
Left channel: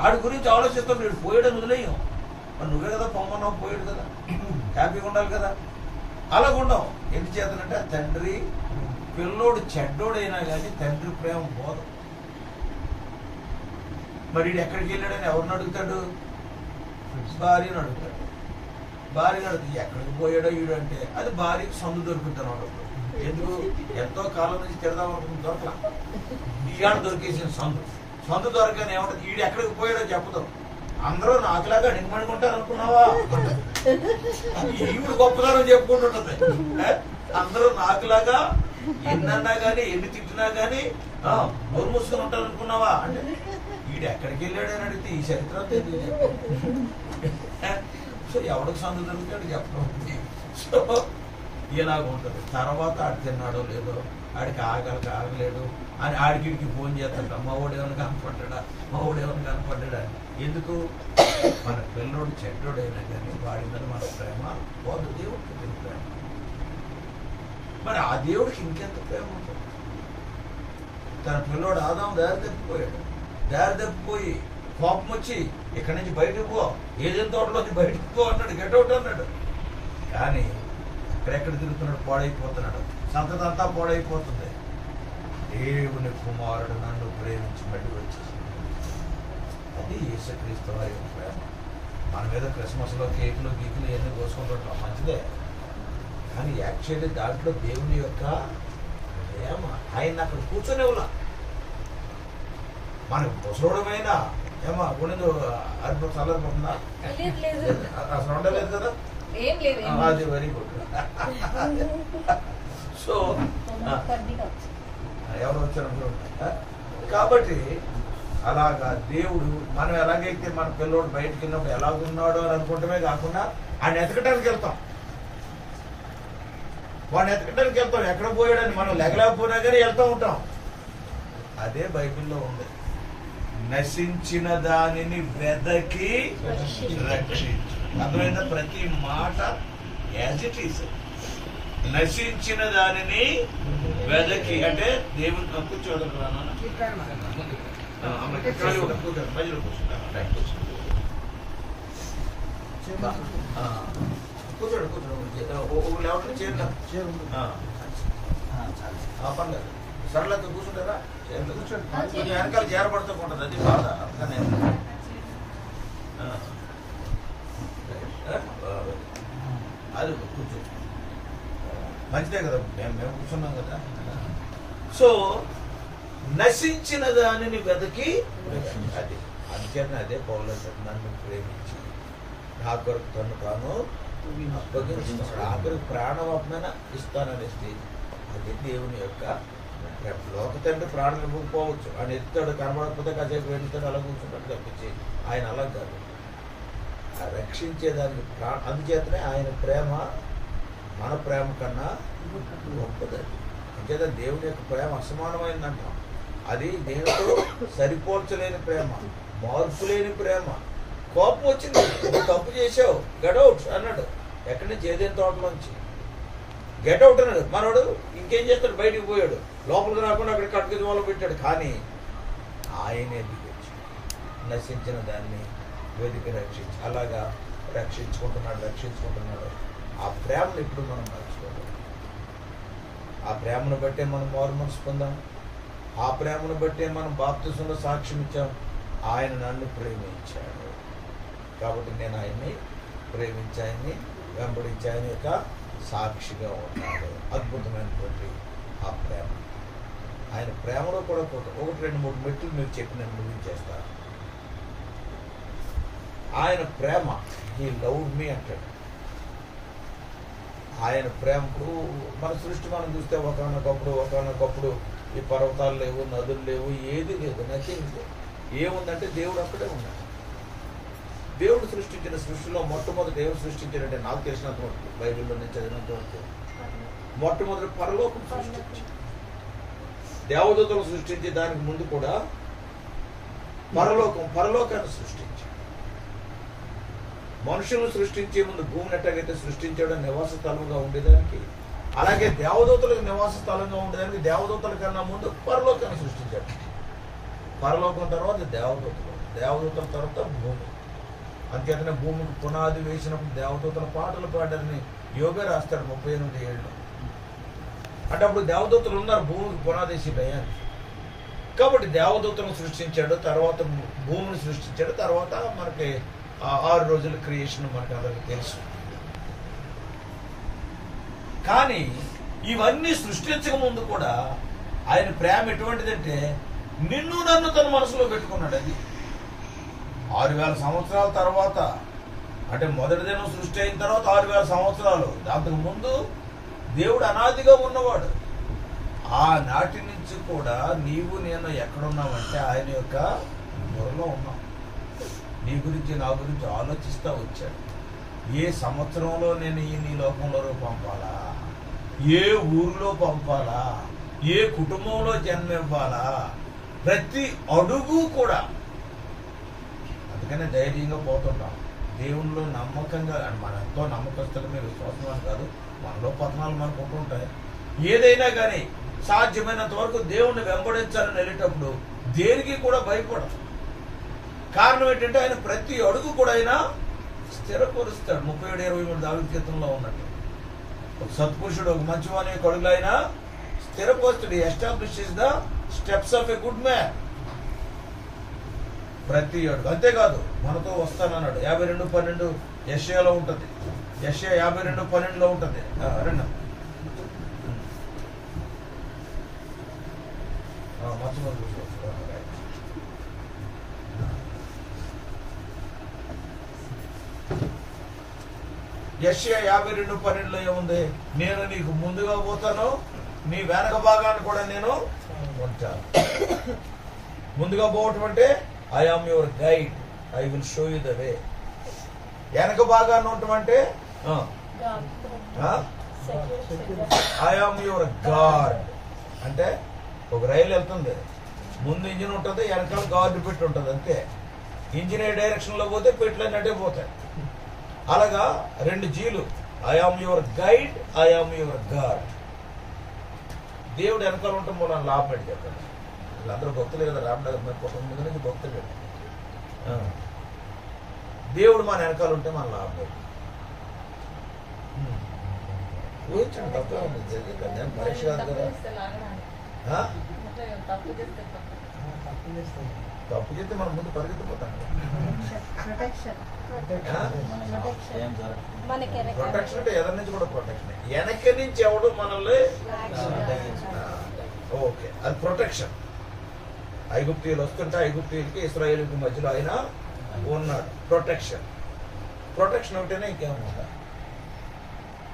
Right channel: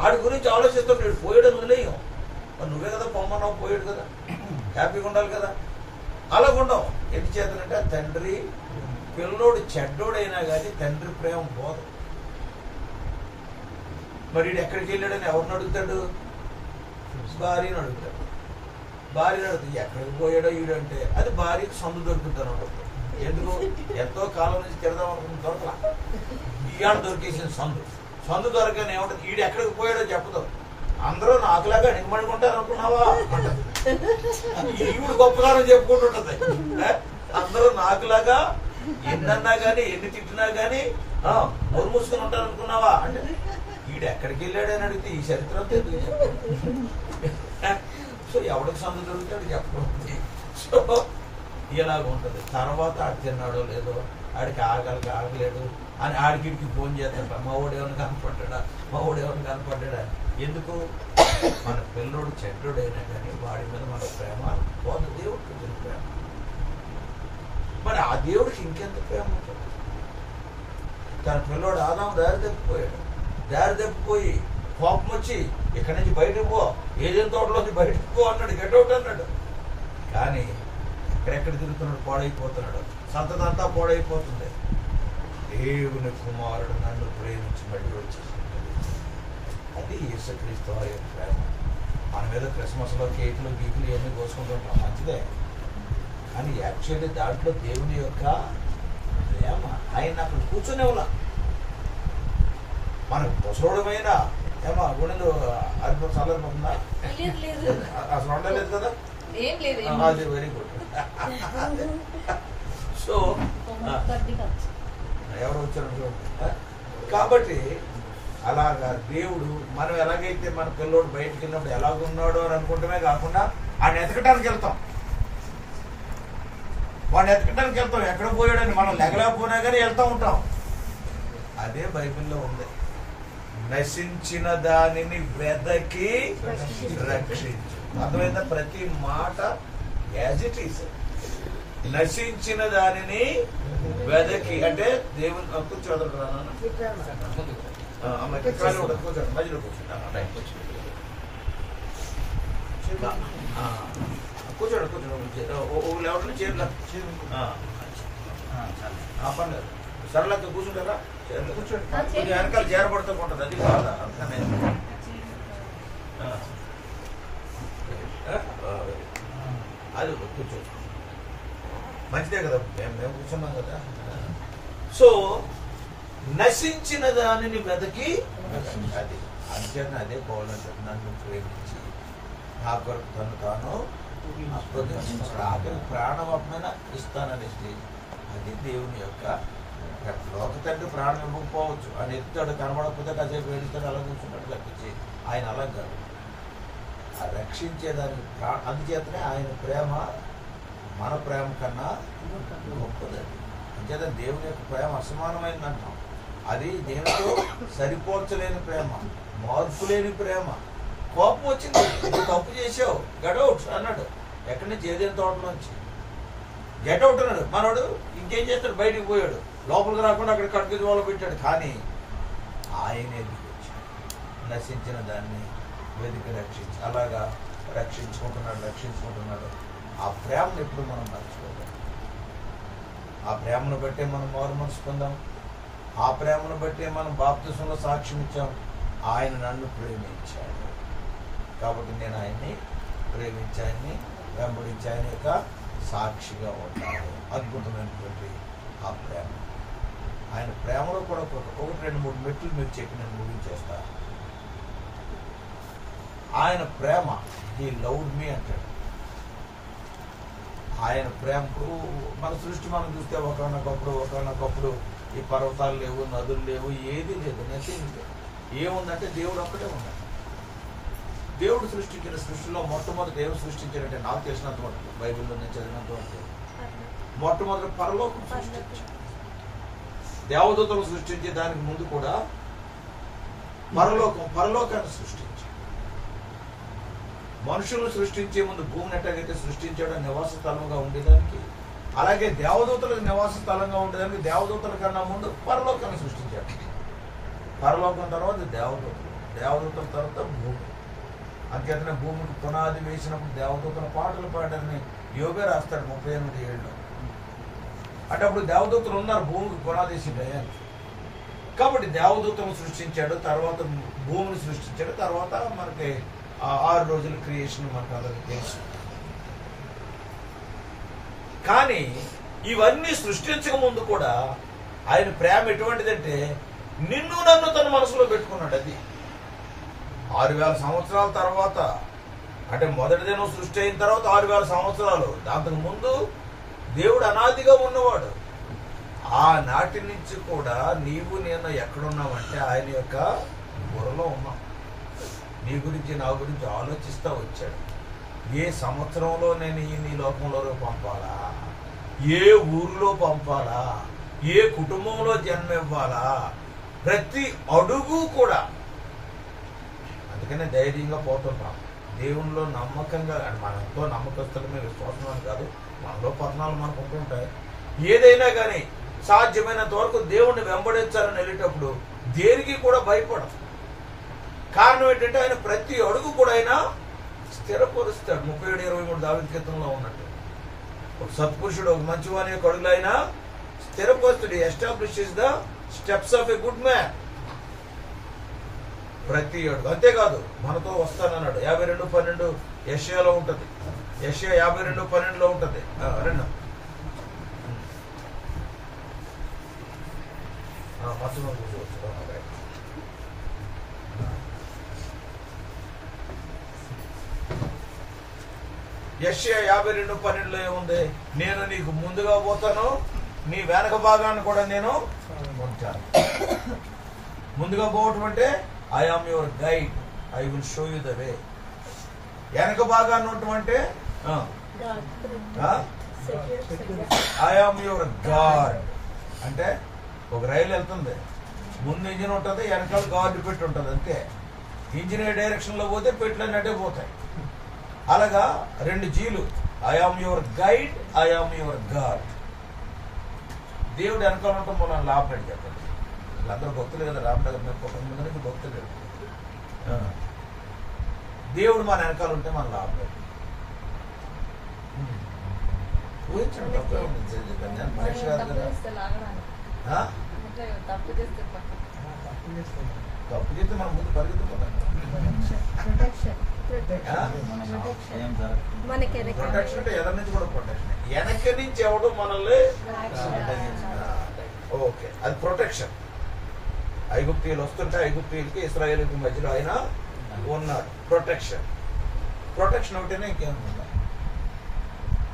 ఆడి గురించి ఆలోచిస్తాం. నేను పోయాడని వదిలేయం. మరి నువ్వే కదా పొమ్మన్నావు, పోయాడు కదా, హ్యాపీగా ఉండాలి కదా. అలాగుండం. ఎందుచేతనంటే తండ్రి పిల్లోడు చెడ్డోడైనా కానీ తండ్రి ప్రేమ పోదు. మరి వీడు ఎక్కడికి వెళ్ళాడని ఎవరిని అడుగుతాడు? భార్యను అడుగుతాడు. భార్యను అడుగుతాడు ఎక్కడికి పోయాడో వీడంటే అది భార్యకు సందు దొరుకుతాను అన్నప్పుడు. ఎందుకు? ఎంతో కాలం నుంచి తిడదాం అనుకుంటుంది, దొరకలా. ఈగాడు దొరికేసిన సందు దొరకని ఏమంటుంది, వీడు ఎక్కడికి పోయాడో చెప్పుతాం. అందరూ నాకులాగా నిగమనుకుంటారు అనుకున్నావా? ఈవిడు గొప్పగానం చెప్పుకుంటుంటది. అందరూ నాకులాగా ఎన్నన్నా గానీ ఎన్ని తిట్టినా గానీ నోరు మూసుకుని ఉంటారు అనుకున్నావా అంటే వీడు ఎక్కడికి వెళ్ళాడని అడిగితే ఈ చరిత్ర ఎందుకు చెప్పు. సో ఎవడికి సందు దొరుకుతాడు చెప్పడం. సో ఇలాగ ఉంటుంది. తర్వాత ఆడు తిన్నాడో లేదో, ఆడికి ఆగలేడు అని ఆడికిడికి ఫోన్ చేస్తాడ, మా వాడు ఏమైనా కనపడ్డా. ఎందుకు? మన పిల్లోడు చెడ్డోడైనా కానీ వాడి మీద మన ప్రేమ పోదు. దేవుడికి పెట్టిన ప్రేమ. మరి ఆ దేవుడికి ఇంకెంత ప్రేమ ఉంటుంది? తన పిల్లోడు ఆదాము దారి తప్పిపోయి కోపం వచ్చి ఇక్కడి నుంచి బయటకు పో, ఏదేం తోటలోంచి బయటకు పో అన్నాడు, గెట్అవుట్ అన్నాడు. కానీ ఎక్కడెక్కడ తిరుగుతున్నాడు, పాడైపోతున్నాడు, సంతతంతా పాడైపోతుంది. దేవుని కుమారుడు నన్ను ప్రేమించి మళ్ళీ వచ్చేసి అది యేసుక్రీస్తు వారి ప్రేమ. మన మీద క్రిస్మస్లో కేకులు గీకులు ఇవన్నీ కోసుకుంటుంటాం, మంచిదే. కానీ యాక్చువల్లీ దాంట్లో దేవుని యొక్క ప్రేమ. ఆయన అక్కడ కూర్చొనివ్వలా. మనకు ముసలోడమైన ఏమా గుండెలు అరిపో చల్లరిపోతుందా? అసలు ఉండలేదు కదా. అది వెరీ గుడ్. సో ఎవరు వచ్చారు కాబట్టి అలాగా దేవుడు మనం ఎలాగైతే మన పిల్లోడు బయటకు వెళ్ళినప్పుడు ఎలాగున్నాడో అని అనుకుంటమే కాకుండా ఆయన ఎతకడానికి వెళ్తాం. వాడిని ఎతకడానికి వెళ్తాం. ఎక్కడ పోయాడని మనం లెగలేకపోయినా కానీ వెళ్తూ ఉంటాం. అదే బైబిల్లో ఉంది. నశించిన దానిని వెదకి రక్షించు. అర్థమైందా? ప్రతి మాట యాజ్ ఇట్ ఈస్. నశించిన దానిని వెదకి అంటే దేవుని కూర్చోదు. కూర్చోండి, మధ్యలో కూర్చుంటా. కూర్చోండి. ఎవరైనా చేరుతా పర్లేదు. సరళతో కూర్చుంటారా? కొంచెం వెనకాల చేరబడుతూ ఉంటుంది, అది బాధ. అందుకనే అది కూర్చో, మంచిదే కదా, మేము కూర్చున్నాం కదా. సో నశించిన దానిని వెదకి అది అంచేత అదే పౌలంటాడు, నన్ను ప్రేమించి నా కొరకు తను తాను అప్పగించుకున్నాడు. ఆఖరి ప్రాణవమైన ఇస్తాననే స్టేజ్. అది దేవుని యొక్క లోక తండ్రి ప్రాణం ఇవ్వకపోవచ్చు. ఆయన ఎత్తాడు, కనబడకపోతే కాసేపు వెళ్తాడు, అలా కూర్చుంటాడు తప్పించి ఆయన అలా కాదు. ఆ రక్షించేదానికి అందుచేతనే ఆయన ప్రేమ మన ప్రేమ కన్నా గొప్పదండి. అంచేత దేవుని యొక్క ప్రేమ అసమానమైంది అంటాం. అది దేనితో సరిపోల్చలేని ప్రేమ, మార్పు లేని ప్రేమ. కోపం వచ్చింది, నువ్వు తప్పు చేసావు, గెట్అవుట్ అన్నాడు. ఎక్కడి నుంచి? ఏదేని తోటలోంచి గెట్అవుట్ అన్నాడు. మనోడు ఇంకేం చేస్తాడు? బయటికి పోయాడు, లోపలికి రాకుండా అక్కడ కట్టుకు దోవలో పెట్టాడు. కానీ ఆయనే దిగొచ్చు, నశించిన దాన్ని వెతికి రక్షించి అలాగా రక్షించుకుంటున్నాడు. ఆ ప్రేమను ఎప్పుడు మనం మర్చిపోలేం. ఆ ప్రేమను బట్టే మనం మారు మనసు పొందాం. ఆ ప్రేమను బట్టే మనం బాప్తిసంలో సాక్ష్యం ఇచ్చాం. ఆయన నన్ను ప్రేమించాడు కాబట్టి నేను ఆయన్ని ప్రేమించాయని వెంబడించి ఆయన యొక్క సాక్షిగా ఉన్నాడు. అద్భుతమైనటువంటి ఆ ప్రేమ. ఆయన ప్రేమలో కూడా 1, 2, 3 మెట్లు మీరు చెప్పి నేను ముగించేస్తా. ఆయన ప్రేమ, హీ లవ్డ్ మీ అంటాడు. ఆయన ప్రేమకు మన సృష్టి మనం చూస్తే ఒకనొకప్పుడు ఈ పర్వతాలు లేవు, నదులు లేవు, ఏది లేదు, నథింగ్ లేదు. ఏముందంటే దేవుడు అక్కడే ఉన్నాడు. దేవుడు సృష్టించిన సృష్టిలో మొట్టమొదటి ఏం సృష్టించాడంటే, నాకు తెలిసినంత వరకు బైబిల్లో నేను చదివినంత వరకు మొట్టమొదటి పరలోకం సృష్టించాడు. దేవదూతలు సృష్టించే దానికి ముందు కూడా పరలోకాన్ని సృష్టించాడు. మనుషులను సృష్టించే ముందు భూమిని ఎట్టగైతే సృష్టించాడో నివాస స్థలంగా ఉండేదానికి, అలాగే దేవదూతలకు నివాస స్థలంగా ఉండేదానికి దేవదూతల కన్నా ముందు పరలోకాన్ని సృష్టించాడు. పరలోకం తర్వాత దేవదూతలు. దేవదూతల తర్వాత భూమి. అంచేతనే భూమికి పునాది వేసినప్పుడు దేవదూతల పాటలు పాడారని యోగే రాస్తాడు 38 ఏళ్ళు. అంటే అప్పుడు దేవదూతలు ఉన్నారు భూమికి పునాది వేసి టయానికి. కాబట్టి దేవదూతలను సృష్టించాడు, తర్వాత భూమిని సృష్టించాడు, తర్వాత మనకి 6 రోజుల క్రియేషన్ మనకు అందరికి తెలుసు. కానీ ఇవన్నీ సృష్టించక ముందు కూడా ఆయన ప్రేమ ఎటువంటిదంటే నిన్ను నన్ను తన మనసులో పెట్టుకున్నాడు. అది 6000 సంవత్సరాల తర్వాత, అంటే మొదటి దినం సృష్టి అయిన తర్వాత 6000 సంవత్సరాలు. దాంతకు ముందు దేవుడు అనాదిగా ఉన్నవాడు. ఆ నాటి నుంచి కూడా నీవు నేను ఎక్కడున్నామంటే ఆయన యొక్క బుర్రలో ఉన్నాం. నీ గురించి నా గురించి ఆలోచిస్తా వచ్చాడు. ఏ సంవత్సరంలో నేను నీ లోకంలో పంపాలా, ఏ ఊరిలో పంపాలా, ఏ కుటుంబంలో జన్మివ్వాలా, ప్రతి అడుగు కూడా. అందుకనే ధైర్యంగా పోతుంటాం. దేవునిలో నమ్మకంగా, మన ఎంతో నమ్మకస్తులమే, విశ్వాసం అని కాదు, మనలో పతనాలు మనకు ఉంటుంటాయి. ఏదైనా కానీ సాధ్యమైనంత వరకు దేవుణ్ణి వెంబడించాలని వెళ్ళేటప్పుడు దేనికి కూడా భయపడదు. కారణం ఏంటంటే ఆయన ప్రతి అడుగు కూడా ఆయన స్థిరపరుస్తాడు. 37:23 దావీదు కీర్తనలో ఉన్నట్టు ఒక సత్పురుషుడు ఒక మంచివాని యొక్క అడుగులు ఆయన స్థిరపరుస్తాడు. Establishes the steps of a good man. ప్రతి అడుగు. అంతేకాదు మనతో వస్తానన్నాడు. 52:12 యెషయాలో ఉంటుంది. యెషయా 52:12 ఉంటుంది. రెండు మధ్యలో కూర్చోవచ్చు. యెషయా 52:12 ఏముంది? నేను నీకు ముందుగా పోతాను, నీ వెనక భాగాన్ని కూడా నేను ఉంటాను. ముందుగా పోవటం అంటే I am your guide, I will show you the way. వెనక భాగాన్ని ఉండటం అంటే ఐ ఆమ్ యువర్ గార్డ్. అంటే ఒక రైలు వెళ్తుంది, ముందు ఇంజిన్ ఉంటుంది, వెనకాల గార్డు పెట్టి ఉంటుంది. అంతే. ఇంజిన్ ఏ డైరెక్షన్ లో పోతే పెట్లన్నీ అటే పోతాయి. అలాగా 2 జీలు. I am your guide, I am your guard. దేవుడు వెనకాల ఉంటాం మనం లాభం అని చెప్పండి. వీళ్ళందరూ భక్తులు కదా, రామనగర్ మేము ముందు నుంచి భక్తులు. దేవుడు మన వెనకాల ఉంటే మన లాభం. ఊహించండి, తప్పే ఉంది. నేను పరీక్ష కాదు కదా. తప్పు చేస్తే మనం ముందు పరిగెత్తిపోతాం. ప్రొటెక్షన్ అంటే ఎదరి నుంచి కూడా ప్రొటెక్షన్. వెనక నుంచి ఎవడు మనల్ని ఓకే, అది ప్రొటెక్షన్. ఐగుప్తీయులు వస్తుంటే ఐగుప్తీయులకి ఇశ్రాయేలుకి మధ్యలో ఆయన ఉన్నాడు. ప్రొటెక్షన్. ప్రొటెక్షన్ ఒకటేనే, ఇంకేమన్నా?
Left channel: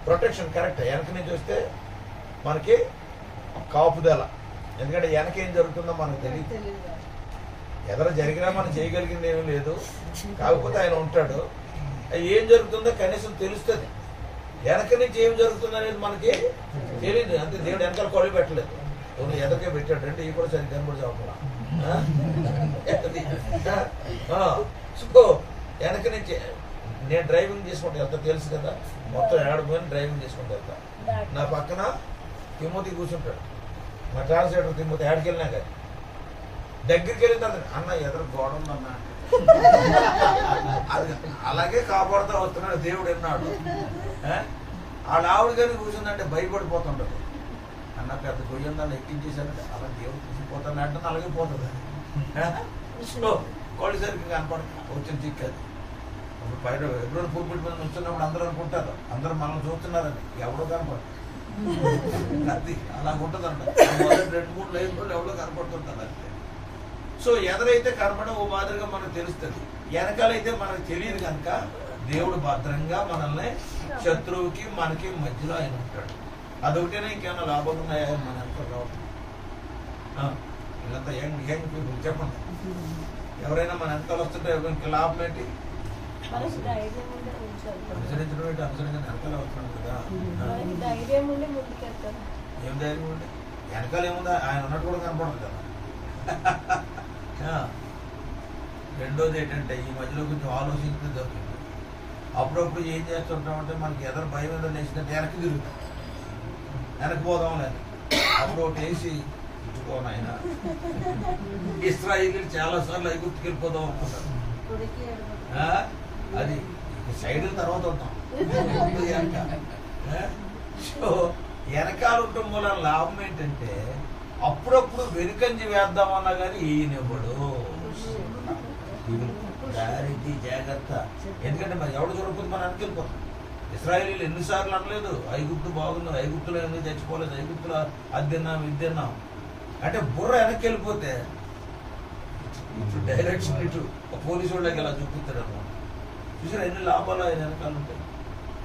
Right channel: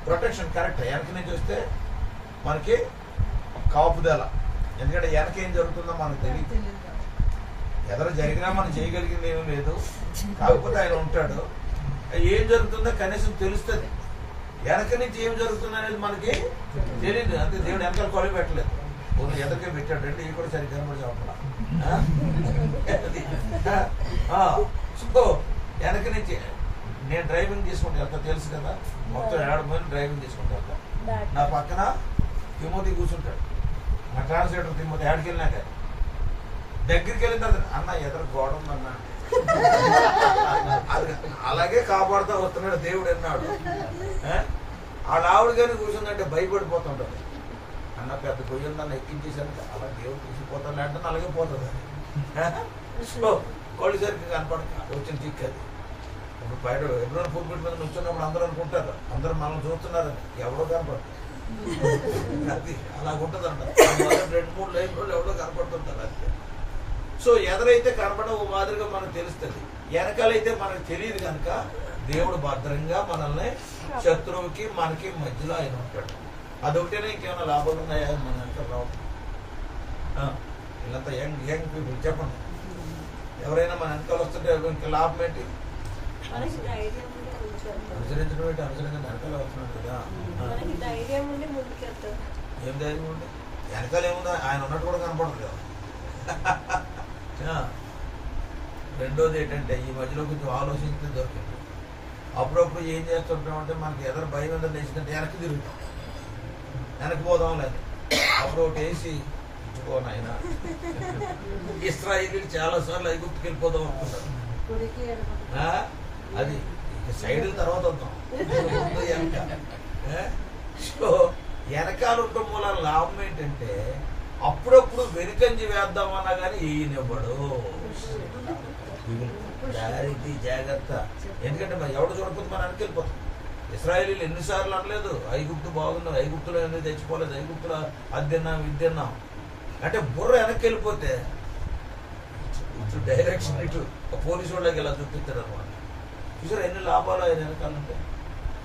Protection correct. వెనక నుంచి వస్తే మనకి కాపుదల. ఎందుకంటే వెనక ఏం జరుగుతుందో మనకు తెలియదు. ఎదర జరిగినా మనం చేయగలిగింది ఏమీ లేదు. కాకపోతే ఆయన ఉంటాడు. ఏం జరుగుతుందో కనీసం తెలుస్తుంది. వెనక నుంచి ఏం జరుగుతుంది అనేది మనకి తెలియదు. అంతే. దేవుడు వెనకాల కొలి పెట్టలేదు, ఓన్లీ ఎదరికే పెట్టాడు. అంటే ఇవి కూడా సరిగ్గా కనబడి చెప్పాల. సో వెనక నుంచి నేను డ్రైవింగ్ చేసుకుంటూ వెళ్తా, తెలుసు కదా. మొత్తం 7 మంది డ్రైవింగ్ చేసుకుంటూ వెళ్తా. నా పక్కన తిమోతి కూర్చుంటాడు, మా ట్రాన్స్లేటర్ తిమోతి. ఏడికి వెళ్ళినా కానీ దగ్గరికి వెళ్ళిన తర్వాత అన్న ఎదురు గోడ ఉందన్నా, అది అలాగే కాపాడుతూ వస్తున్నాడు దేవుడు. అన్నాడు వాళ్ళ ఆవిడ కానీ కూర్చుందంటే భయపడిపోతుంటాడు. అన్న పెద్ద గొయ్యి ఉందన్న ఎక్కించేసానంటే అలా దేవుడు తీసుకుపోతాను అంటే అలాగే పోతుంది. సో కోళ్ళు సరికి కనపడుతున్నా వచ్చిన చిక్కది. ఇప్పుడు బయట ఎప్పుడు పూర్పిడి మీద నుంచున్నప్పుడు అందరూ అనుకుంటారు అందరూ మనం చూస్తున్నారని. ఎవడో కనపడదు. అది అలాగుంటదంట. 2-3 లైన్లు ఎవడో కనపడుతుంటారు అంతే. సో ఎదరైతే కనపడ ఓ మాదిరిగా మనకు తెలుస్తుంది, వెనకాలైతే మనకు తెలియదు. కనుక దేవుడు భద్రంగా మనల్ని శత్రువుకి మనకి మధ్యలో ఆయన ఉంటాడు. అదొకటేనే, ఇంకేమైనా లాభాలు ఉన్నాయా మన వెనకాల రావడం? వీళ్ళంతా యంగ్ పీపుల్ చెప్పండి. ఎవరైనా మన వెనకాల వస్తుంటే ఇంకా లాభం ఏంటి? అనుసరించడం ఏంటి? అనుసరించడం వెనకాల వస్తున్నాడు కదా. ఏం ధైర్యం ఉండే? వెనకాల ఏముందా? ఆయన ఉన్నట్టు కూడా కనపడదు కదా. రెండోది ఏంటంటే ఈ మధ్యలో కొంచెం ఆలోచించడం దొరికింది. అప్పుడప్పుడు ఏం చేస్తుంటామంటే మనకి ఎదరు భయం మీద నేసిందంటే వెనక్కి తిరుగుతాం, వెనక్కి పోదాం లేదు. అప్పుడు ఒకటి వేసి ఇదిగో నాయన ఇశ్రాయేలీలు చాలా సార్లు ఐగుప్తుకి వెళ్ళిపోదాం అనుకుంటారు. అది సైడ్ తర్వాత వద్దాం. ముందు వెనక. సో వెనకాల ఉండటం మూల లాభం ఏంటంటే అప్పుడప్పుడు వెనుకంజి వేద్దామన్నా కానీ ఈయనెవ్వడు. ఇది జాగ్రత్త. ఎందుకంటే మరి ఎవడు దొరకదు మనం వెనకెళ్ళిపోతాం. ఇశ్రాయేలీలు ఎన్నిసార్లు అనలేదు ఐగుప్తు బాగుంది, ఐగుప్తులో ఎందుకు చచ్చిపోలేదు, ఐగుప్తులో అది తిన్నాం ఇది తిన్నాం అంటే బుర్ర వెనక్కి వెళ్ళిపోతే ఇటు డైరెక్షన్ ఇటు పోలీసు వాళ్ళకి ఇలా చూపిస్తాడు అనమాట. చూసారు ఎన్ని లాభాలు ఆయన వెనకాల ఉంటాయి.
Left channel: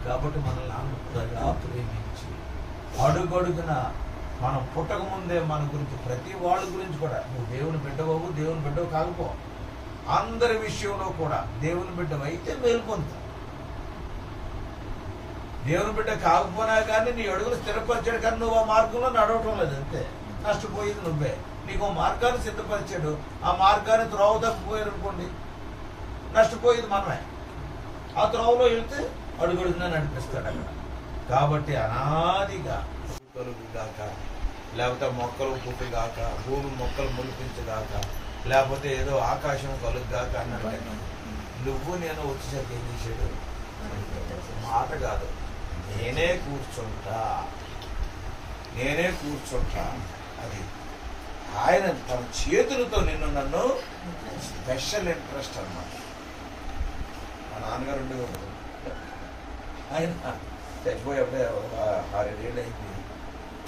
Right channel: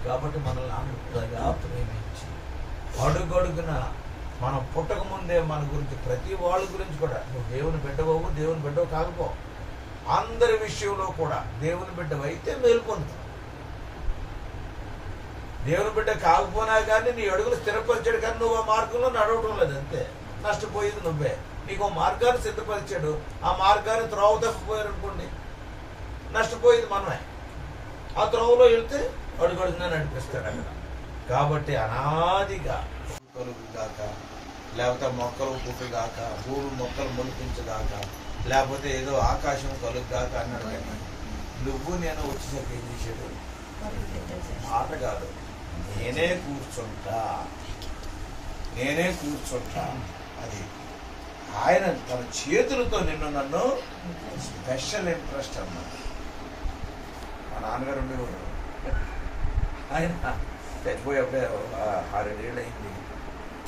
కాబట్టి మనల్ని అంతగా ప్రేమించి అడుగడుగున మనం పుట్టక ముందే మన గురించి ప్రతి వాళ్ళ గురించి కూడా నువ్వు దేవుని బిడ్డవు దేవుని బిడ్డవు కాకపో అందరి విషయంలో కూడా దేవుని బిడ్డవు అయితే మేల్కొంటావు. దేవుని బిడ్డ కాకపోయినా కానీ నీ అడుగులు స్థిరపరిచాడు కానీ నువ్వు ఆ మార్గంలో నడవటం లేదు, అంతే. నష్టపోయేది నువ్వే. నీకు మార్గాన్ని సిద్ధపరిచాడు, ఆ మార్గాన్ని త్రోవ తప్పిపోయారు అనుకోండి, నష్టపోయేది మనమే. ఆ త్రోవలో వెళ్తే అడుగడుగునా నడిపిస్తాడు అక్కడ. కాబట్టి అనాదిగా కలుగుగాక, లేకపోతే మొక్కలు పుట్టుగాక, భూమి మొక్కలు మొలిపించగాక, లేకపోతే ఏదో ఆకాశం కలుగుగాక అన్నాడు ఆయన. నువ్వు నేను వచ్చేసరికి ఏం చేశాడు? మాట కాదు, నేనే కూర్చుంటా. అది ఆయన తన చేతులతో నిన్ను నన్ను స్పెషల్ ఇంట్రెస్ట్ అన్నాడు. మా నాన్నగారు ఉండేవాడు, ఆయన చచ్చిపోయేప్పుడే 6-7 ఏళ్ళు అయింది.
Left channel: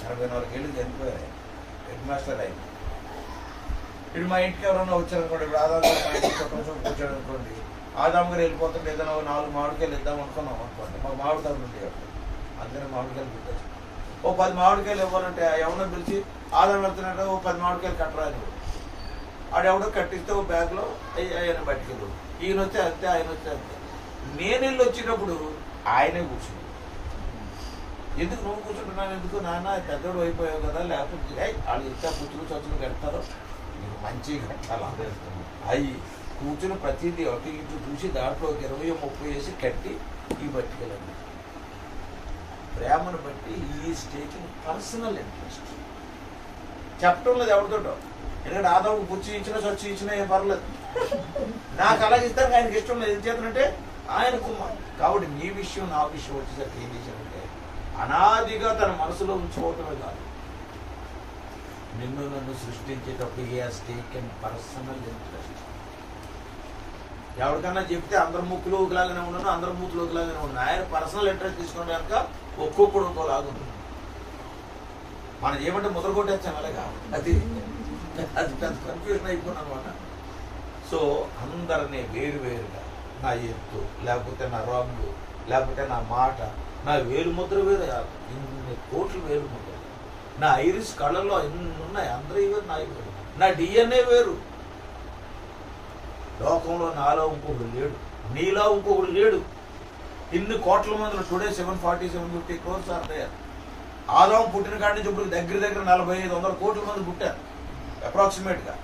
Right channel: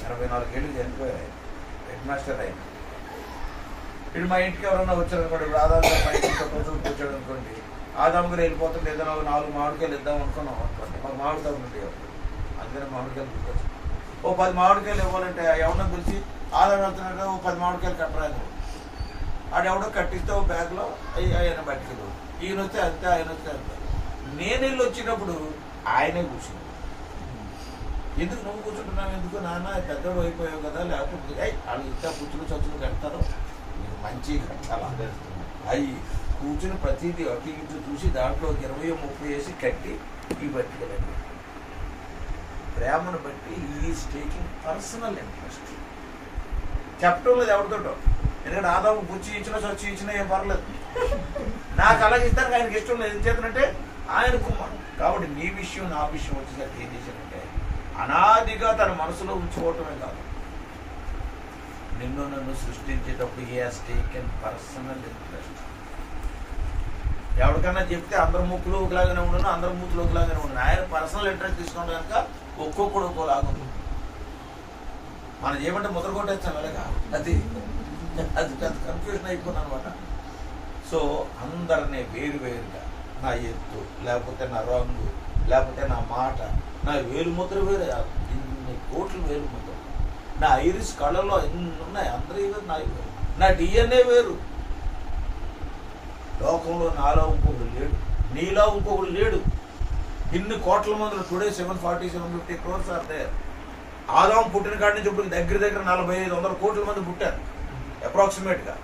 84 ఏళ్ళు చనిపోయారు ఆయన. హెడ్ మాస్టర్ ఆయన. ఇప్పుడు మా ఇంటికి ఎవరన్నా వచ్చారనుకోండి, ఆదాం కూర్చోడు అనుకోండి, ఆదాం గారు వెళ్ళిపోతుంటే ఏదైనా 4 మామిడికాయలు ఇద్దాం అనుకున్నాం అనుకోండి. మాకు మామిడికాయలు ఉండేవి అప్పుడు, అందుకని మామిడికాయలు గుర్తొచ్చు. ఓ 10 మామిడికాయలు ఇవ్వాలంటే ఎవరన్నా పిలిచి ఆదాం వెళ్తున్నాడు, ఓ 10 మామిడికాయలు కట్టరా అని ఆడెవడో కట్టిస్తే ఓ బ్యాగ్లో ఆయన బట్టికలు, ఈయన వస్తే అంతే, ఆయన వస్తే అంతే. నేను వెళ్ళి వచ్చినప్పుడు ఆయనే కూర్చున్నాడు. ఎందుకు నువ్వు కూర్చుంటున్నాను, ఎందుకు నాన్న పెద్దోడు అయిపోయావు కదా, లేకపోతే వాళ్ళు ఇంత కూర్చుని చచ్చులు కడతారో, మీకు మంచిగా కట్టాలి. అవి కూర్చుని ప్రతిదీ అటు ఇటు చూసి దాంట్లో 20-30 వేసి కట్టి ఈ బట్టికలండి. ప్రేమను బట్టి ఈజ్ టేకింగ్ పర్సనల్ ఇంట్రెస్ట్. చెప్పటం లేదు ఎవరితోటో, ఎందుకంటే ఆదాము పుచ్చి ఇచ్చినా చచ్చి ఇచ్చినా ఏం పర్లేదు. నాకు అలాగే ఇస్తాను, ఆయనకి ఇష్టం లేదు. ఎందుకు చేతనంటే ఆయన కుమార్. కాబట్టి నీ విషయం నా విషయం వచ్చేసరికి ఏం చేశానంటే అనాదిగా తన మనసులో ఉంచుకోవటమే కాదు, నిన్ను నన్ను సృష్టించేటప్పుడు he has taken personal interest. ఎవరికన్నా చెప్తే అందరి ముక్కులు ఒకలాగానే ఉండను, అందరి మూతులు ఒకలాగానే ఉండను. ఆయన పర్సనల్ ఇంట్రెస్ట్ తీసుకున్న కనుక ఒక్కొక్కడు ఒక్కోలాగా ఉంటుంది. మనం ఏమంటే ముద్ర కొట్టేస్తాం అలాగా, అది పెద్ద కన్ఫ్యూజన్ అయిపోయింది అనమాట. సో అందరినీ వేరువేరుగా, నా ఎత్తు లేకపోతే నా రంగు లేకపోతే నా మాట, నా వేలు ముద్ర వేరు, ఇన్ని కోట్లు వేలు ముద్ర, నా ఐరిస్ కళ్ళలో ఎన్ని ఉన్నాయి, అందరూ వేరు, నా వేరు, నా డిఎన్ఏ వేరు. లోకంలో నాలో ఇంకొకడు లేడు, నీలో ఇంకొకడు లేడు. ఇన్ని కోట్ల మందిలో today 740-750 crores are there. Adam పుట్టిన కాడి నుంచి ఇప్పుడు దగ్గర 4500 కోట్ల మంది పుట్టారు అప్రాక్సిమేట్ గా.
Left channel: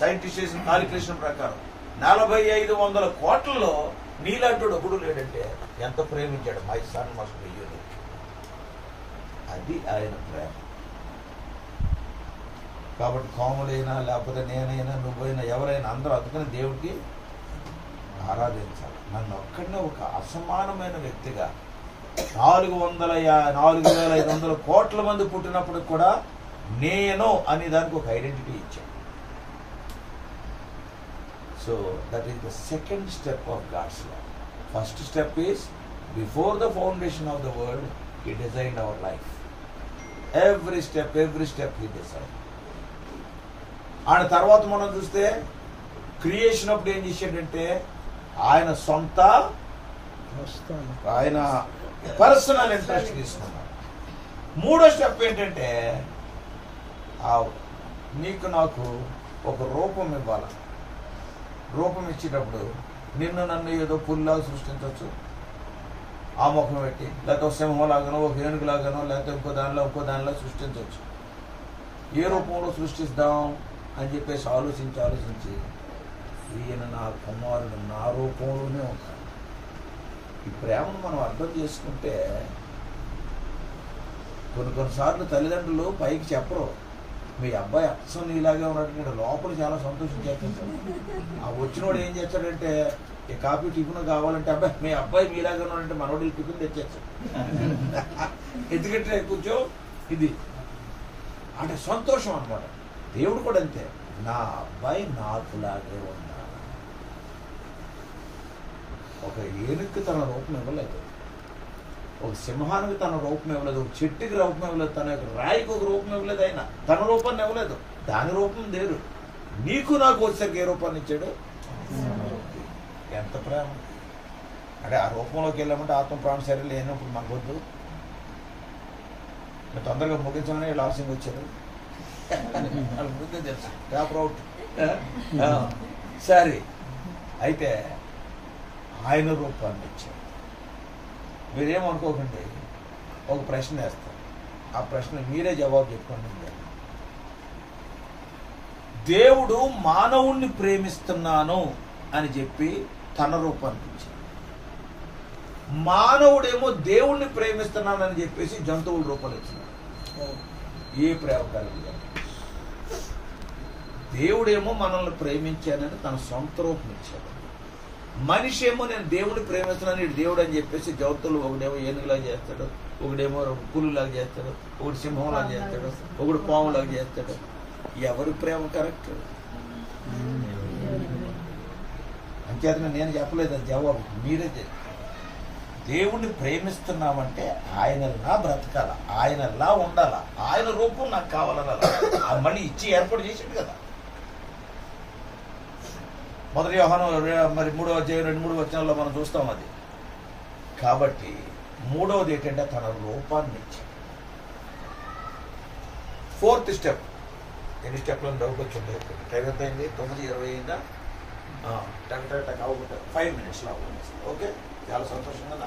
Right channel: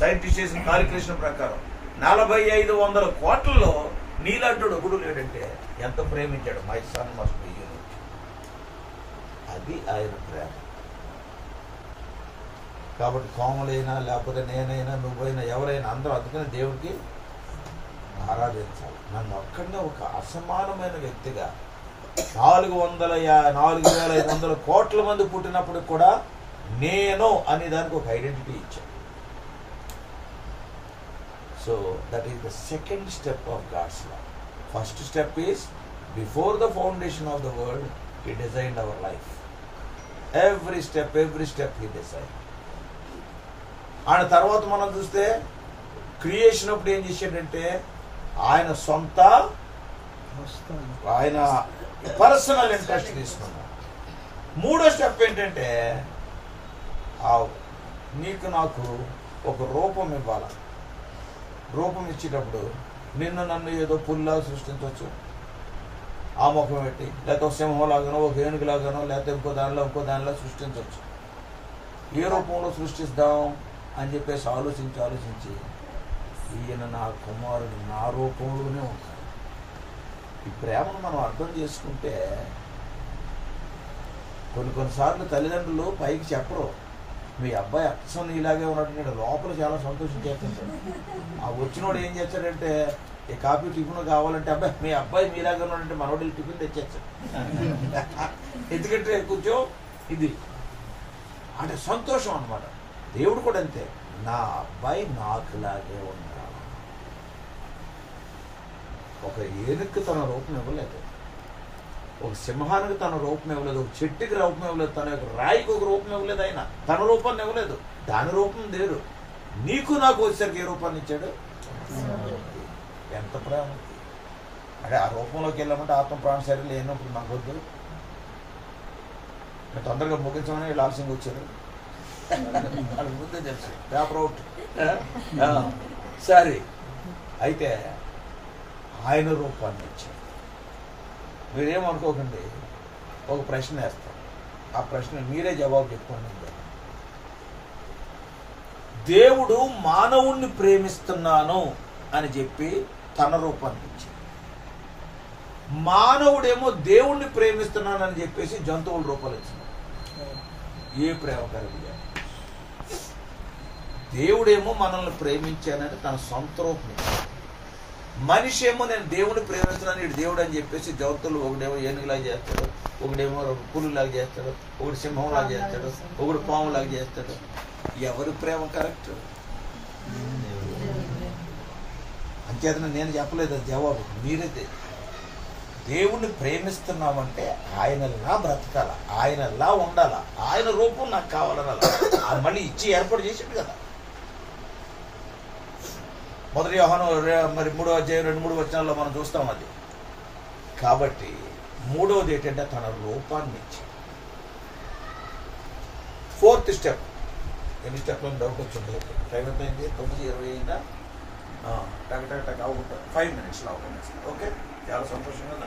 సైంటిస్ట్ చేసిన కాలిక్యులేషన్ ప్రకారం 4500 కోట్లలో నీలాంటి ఒకడు లేడంటే ఎంత ప్రేమించాడు. My son must be you. అది ఆయన ప్రేమ. కాబట్టి కోమలైనా లేకపోతే నేనైనా నువ్వైనా ఎవరైనా అందరూ అందుకని దేవుడికి ఆరాధించాలి. నన్ను ఒక్కడనే ఒక అసమానమైన వ్యక్తిగా 4,500 కోట్ల మంది పుట్టినప్పుడు కూడా నేను అనే దానికి ఒక ఐడెంటిటీ ఇచ్చాను. So that is the second step of God's law. First step is before the foundation of the world he designed our life. Every step he design. ఆయన తర్వాత మనం చూస్తే క్రియేషన్ అప్పుడు ఏం చేశాడంటే ఆయన సొంత ఆయన పర్సనల్ ఇంట్రెస్ట్ తీసుకున్నాడు. మూడో స్టెప్ ఏంటంటే నీకు నాకు ఒక రూపం ఇవ్వాల. రూపం ఇచ్చేటప్పుడు నిన్ను నన్ను ఏదో పుల్లా సృష్టించవచ్చు, ఆ ముఖం పెట్టి, లేకపోతే ఒక సింహంలాగానో ఒక ఏనుగులాగానో లేకపోతే ఇంకో దానిలో సృష్టించవచ్చు. ఏ రూపంలో సృష్టిస్తాం అని చెప్పేసి ఆలోచించి ఈయన నా కుమారుడు నా రూపంలోనే ఉంటాడు. ఈ ప్రేమను మనం అర్థం చేసుకుంటే కొన్నిసార్లు తల్లిదండ్రులు పైకి చెప్పరు, మీ అబ్బాయి అచ్చం ఇలాగే ఉన్నాడు, లోపల చాలా సంతోషం చేస్తాడు. ఆ వచ్చినోడు ఏం చేస్తాడంటే, ఈ కాఫీ టిఫిన్ కావాలంటే, అబ్బాయి మీ అబ్బాయి మీలాగే ఉన్నాడంటే మనోడు టిఫిన్ తెచ్చేస్తాడు. ఎందుకంటే కొంచెం ఇది అంటే సంతోషం అన్నమాట. దేవుడు కూడా అంతే, నా అబ్బాయి నాకులాగే ఉన్నాడు. ఒక ఏనుగుకి తన రూపం ఇవ్వలేదు, ఒక సింహానికి తన రూపం ఇవ్వలేదు, ఒక చెట్టుకి రూపం ఇవ్వలేదు, తన యొక్క రాయికి ఒక రూపం ఇవ్వలేదు. ఆయన తన రూపాన్ని ఇవ్వలేదు, దాని రూపం లేరు. నీకు నాకు వచ్చేసరికి ఏ రూపాన్ని ఇచ్చాడు? ఎంత ప్రేమ! అంటే ఆ రూపంలోకి వెళ్ళామంటే ఆత్మ ప్రాణ శరీరం లేనప్పుడు మనకు వద్దు. తొందరగా ముగించమని వీళ్ళు ఆలస్యంగా వచ్చారు. వాళ్ళకి ముందే తెలుసు, పేపర్ అవుట్. సరే, అయితే ఆయన రూపాన్ని ఇచ్చాడు. మీరేమనుకోకండి, ఒక ప్రశ్న వేస్తాం, ఆ ప్రశ్న మీరే జవాబు చెప్పుకోండి. దేవుడు మానవుణ్ణి ప్రేమిస్తున్నాను అని చెప్పి తన రూపాన్ని ఇచ్చాడు. మానవుడేమో దేవుణ్ణి ప్రేమిస్తున్నానని చెప్పేసి జంతువుల రూపాలు ఇచ్చినాడు. ఏ ప్రేమ కలిగి? దేవుడేమో మనల్ని ప్రేమించానని తన సొంత రూపం ఇచ్చాడు. మనిషి ఏమో నేను దేవుడిని ప్రేమిస్తున్నాను ఇటు దేవుడు అని చెప్పేసి జంతువులు, ఒకడేమో ఏనుగులాగా చేస్తాడు, ఒకడేమో పులులాగా చేస్తాడు, ఒకటి సింహంలాగా చేస్తాడు, ఒకడు పాములాగా చేస్తాడు. ఎవరి ప్రేమ కరెక్ట్? అంచేతనే నేను చెప్పలేదు అది జవాబు, మీరే. దేవుణ్ణి ప్రేమిస్తున్నామంటే ఆయనలా బ్రతకాల, ఆయనలా ఉండాల, ఆయన రూపం నాకు కావాలనాల. అది మళ్ళీ ఇచ్చి ఏర్పాటు చేసాడు కదా. మొదటి యోహాను మరి 3వ అధ్యాయం 2-3 వచనాల్లో మనం చూస్తాం అది. కాబట్టి మూడవది ఏంటంటే తన రూపాన్ని ఇచ్చాడు. 4th step. ఎన్ని స్టెప్లో డౌట్ వచ్చింది? టైం ఎంత అయింది? 9:20 అయిందా? టక్ అవుతుంది, 5 minutesలో అవుతుంది. ఓకే, చాలా సంతోషం కదా.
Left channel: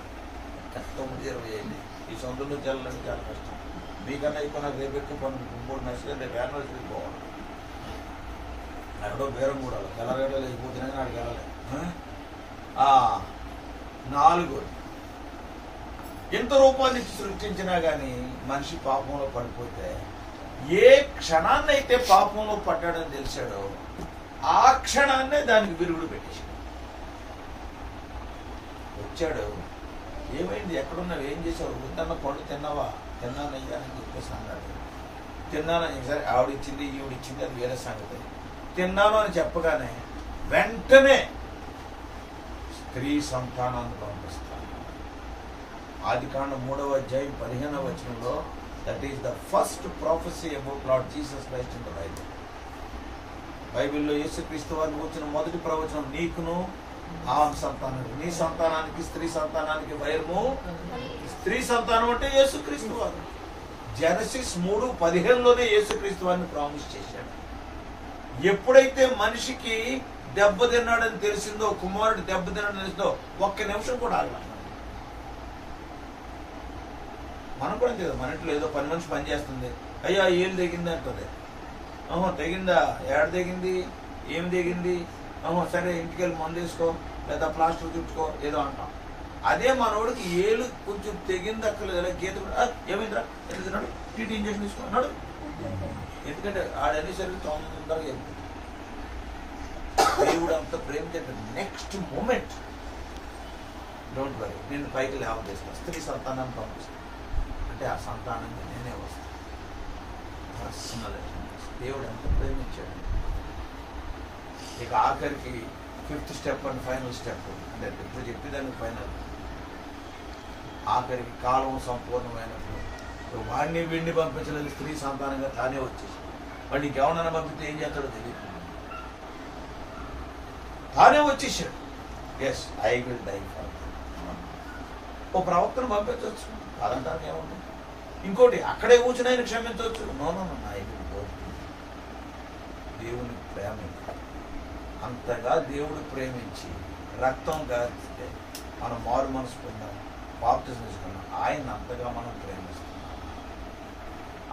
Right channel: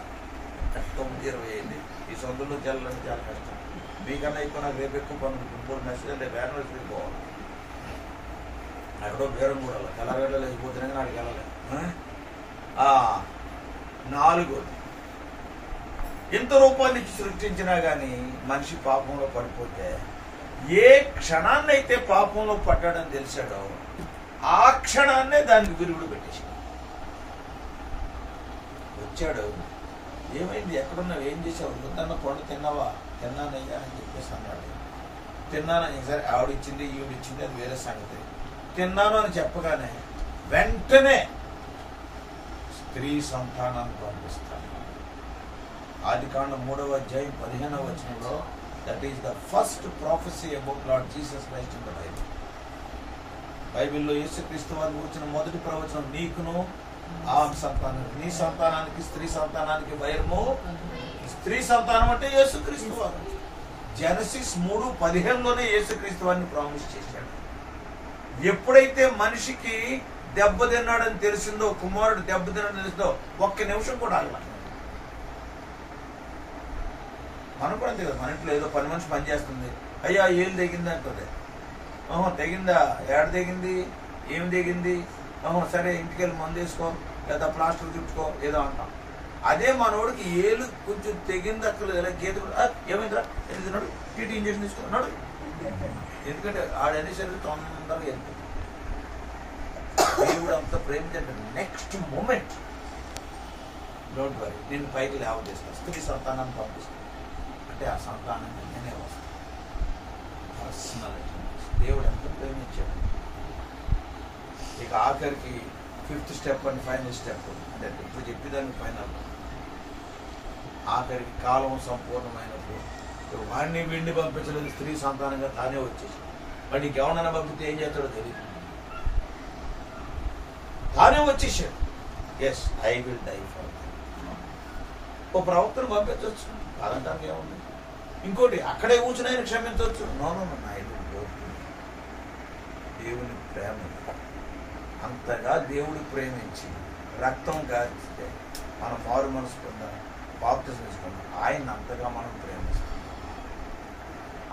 9:20 అయింది. ఈ సొంతలో చేయాలంటే చాలా కష్టం. మీకన్నా ఎక్కువ నాకు రేపు ఎక్కువ పనులు, 3 మెసేజ్ రేపు యానివర్సరీకి పోవాలి. ఎక్కడో బేరం కూడా తెల్లగడ్డ లేకపోతేనే నాడికి వెళ్ళలేదు. 4వది, ఎంత రూపాన్ని సృష్టించినా కానీ మనిషి పాపంలో పడిపోతే, ఏ క్షణాన్నైతే పాపంలో పడ్డాడని తెలిసాడో ఆ క్షణాన్నే దానికి విరుగుడు పెట్టేశాడు. వచ్చాడు, ఏమైంది, ఎక్కడున్నావు, ఏం చేసావు, ముద్దన్న పండు తిన్నావా? తిన్నానయ్యా అని చెప్పేసి అన్నాడు. తిన్నానని సరే, ఆవిడిచ్చింది ఈవిడిచ్చింది అది వేరే సంగతి. తిన్నాను అని చెప్పగానే వెంటనే స్త్రీ సంతానాన్ని పంపిస్తాను. ఆదికాండం 3వ అధ్యాయం 15వ వచనంలో, that is the first prophecy about lord Jesus Christ in the Bible. బైబిల్లో యేసుక్రీస్తు వారు వచ్చిన మొదటి ప్రవచనం, నీకును ఆ సంతానానికి, నీ సంతానానికి స్త్రీ సంతానానికి వైరము. స్త్రీ సంతానం అంటే యేసుక్రీస్తు వారు. జెనసిస్ 3:15లోనే యేసుక్రీస్తు వారిని ప్రామిస్ చేశాడు. ఎప్పుడైతే మనిషికి దెబ్బతిన్నాడని తెలిసిందో, కుమారుడు దెబ్బతిన్నాడని తెలిసిందో, ఒక్క నిమిషం కూడా ఆగల. మనం కూడా అంతే కదా, మన ఇంట్లో ఏదో పని మనిషి పని చేస్తుంది, అయ్యా ఏళ్ళు తెగింది అంటుంది. తెగిందా? ఏడ తెగింది, ఏమి తెగింది? సరే ఇంటికి వెళ్ళి మందు వేసుకో, లేదా ప్లాస్టర్ చుట్టుకో, ఏదో అంటాం. అదే మనోడికి ఏళ్ళు కొంచెం తెగింది అక్కర్లేదు, గీత కూడా ఏమైందిరా ఎందుకు తిన్నాడు, టీటీ ఇంజక్షన్ తీసుకున్నాడు. ఎందుకంటే ఆడనేసరికి తొందరగా వెళ్ళిపోయింది. దేవుడు అంత ప్రేమించండి, నెక్స్ట్ మూమెంట్ డోంట్ వరీ, నేను పైకి లేవదీస్తాను, స్త్రీ సంతానాన్ని పంపిస్తాను అంటే ఆ సంతానాన్ని నేనే వస్తాను. పర్సనాలిటీ దేవుడు ఎంత ప్రేమించాడు. ఇక ఆఖరికి 5th step and final step, అంటే ఇప్పుడు చెప్పేదానికి ఫైనల్, ఆఖరికి కాలం సంపూర్ణమైనప్పుడు వాడిని వీడిని పంపించలేదు, స్త్రీ సంతానంగా తానే వచ్చేసి, వాడిని ఇంకెవరన్నా పంపితే ఏం చేస్తాడో తెలియదు, తానే వచ్చేసాడు. Yes, I will die for. ఓ ప్రవక్తను పంపించవచ్చు, కాదంటానికి ఏముంది. ఇంకోటి, అక్కడే కూర్చుని ఆయన క్షమించవచ్చు. No, I will go. దేవుని ప్రేమ అంతగా దేవుడు ప్రేమించి రక్తం కారిస్తే మనం మారు మనసు పొందాం, బాప్తిజం తీసుకున్నాం. ఆయన అంతగా మనం ప్రేమిస్తాం,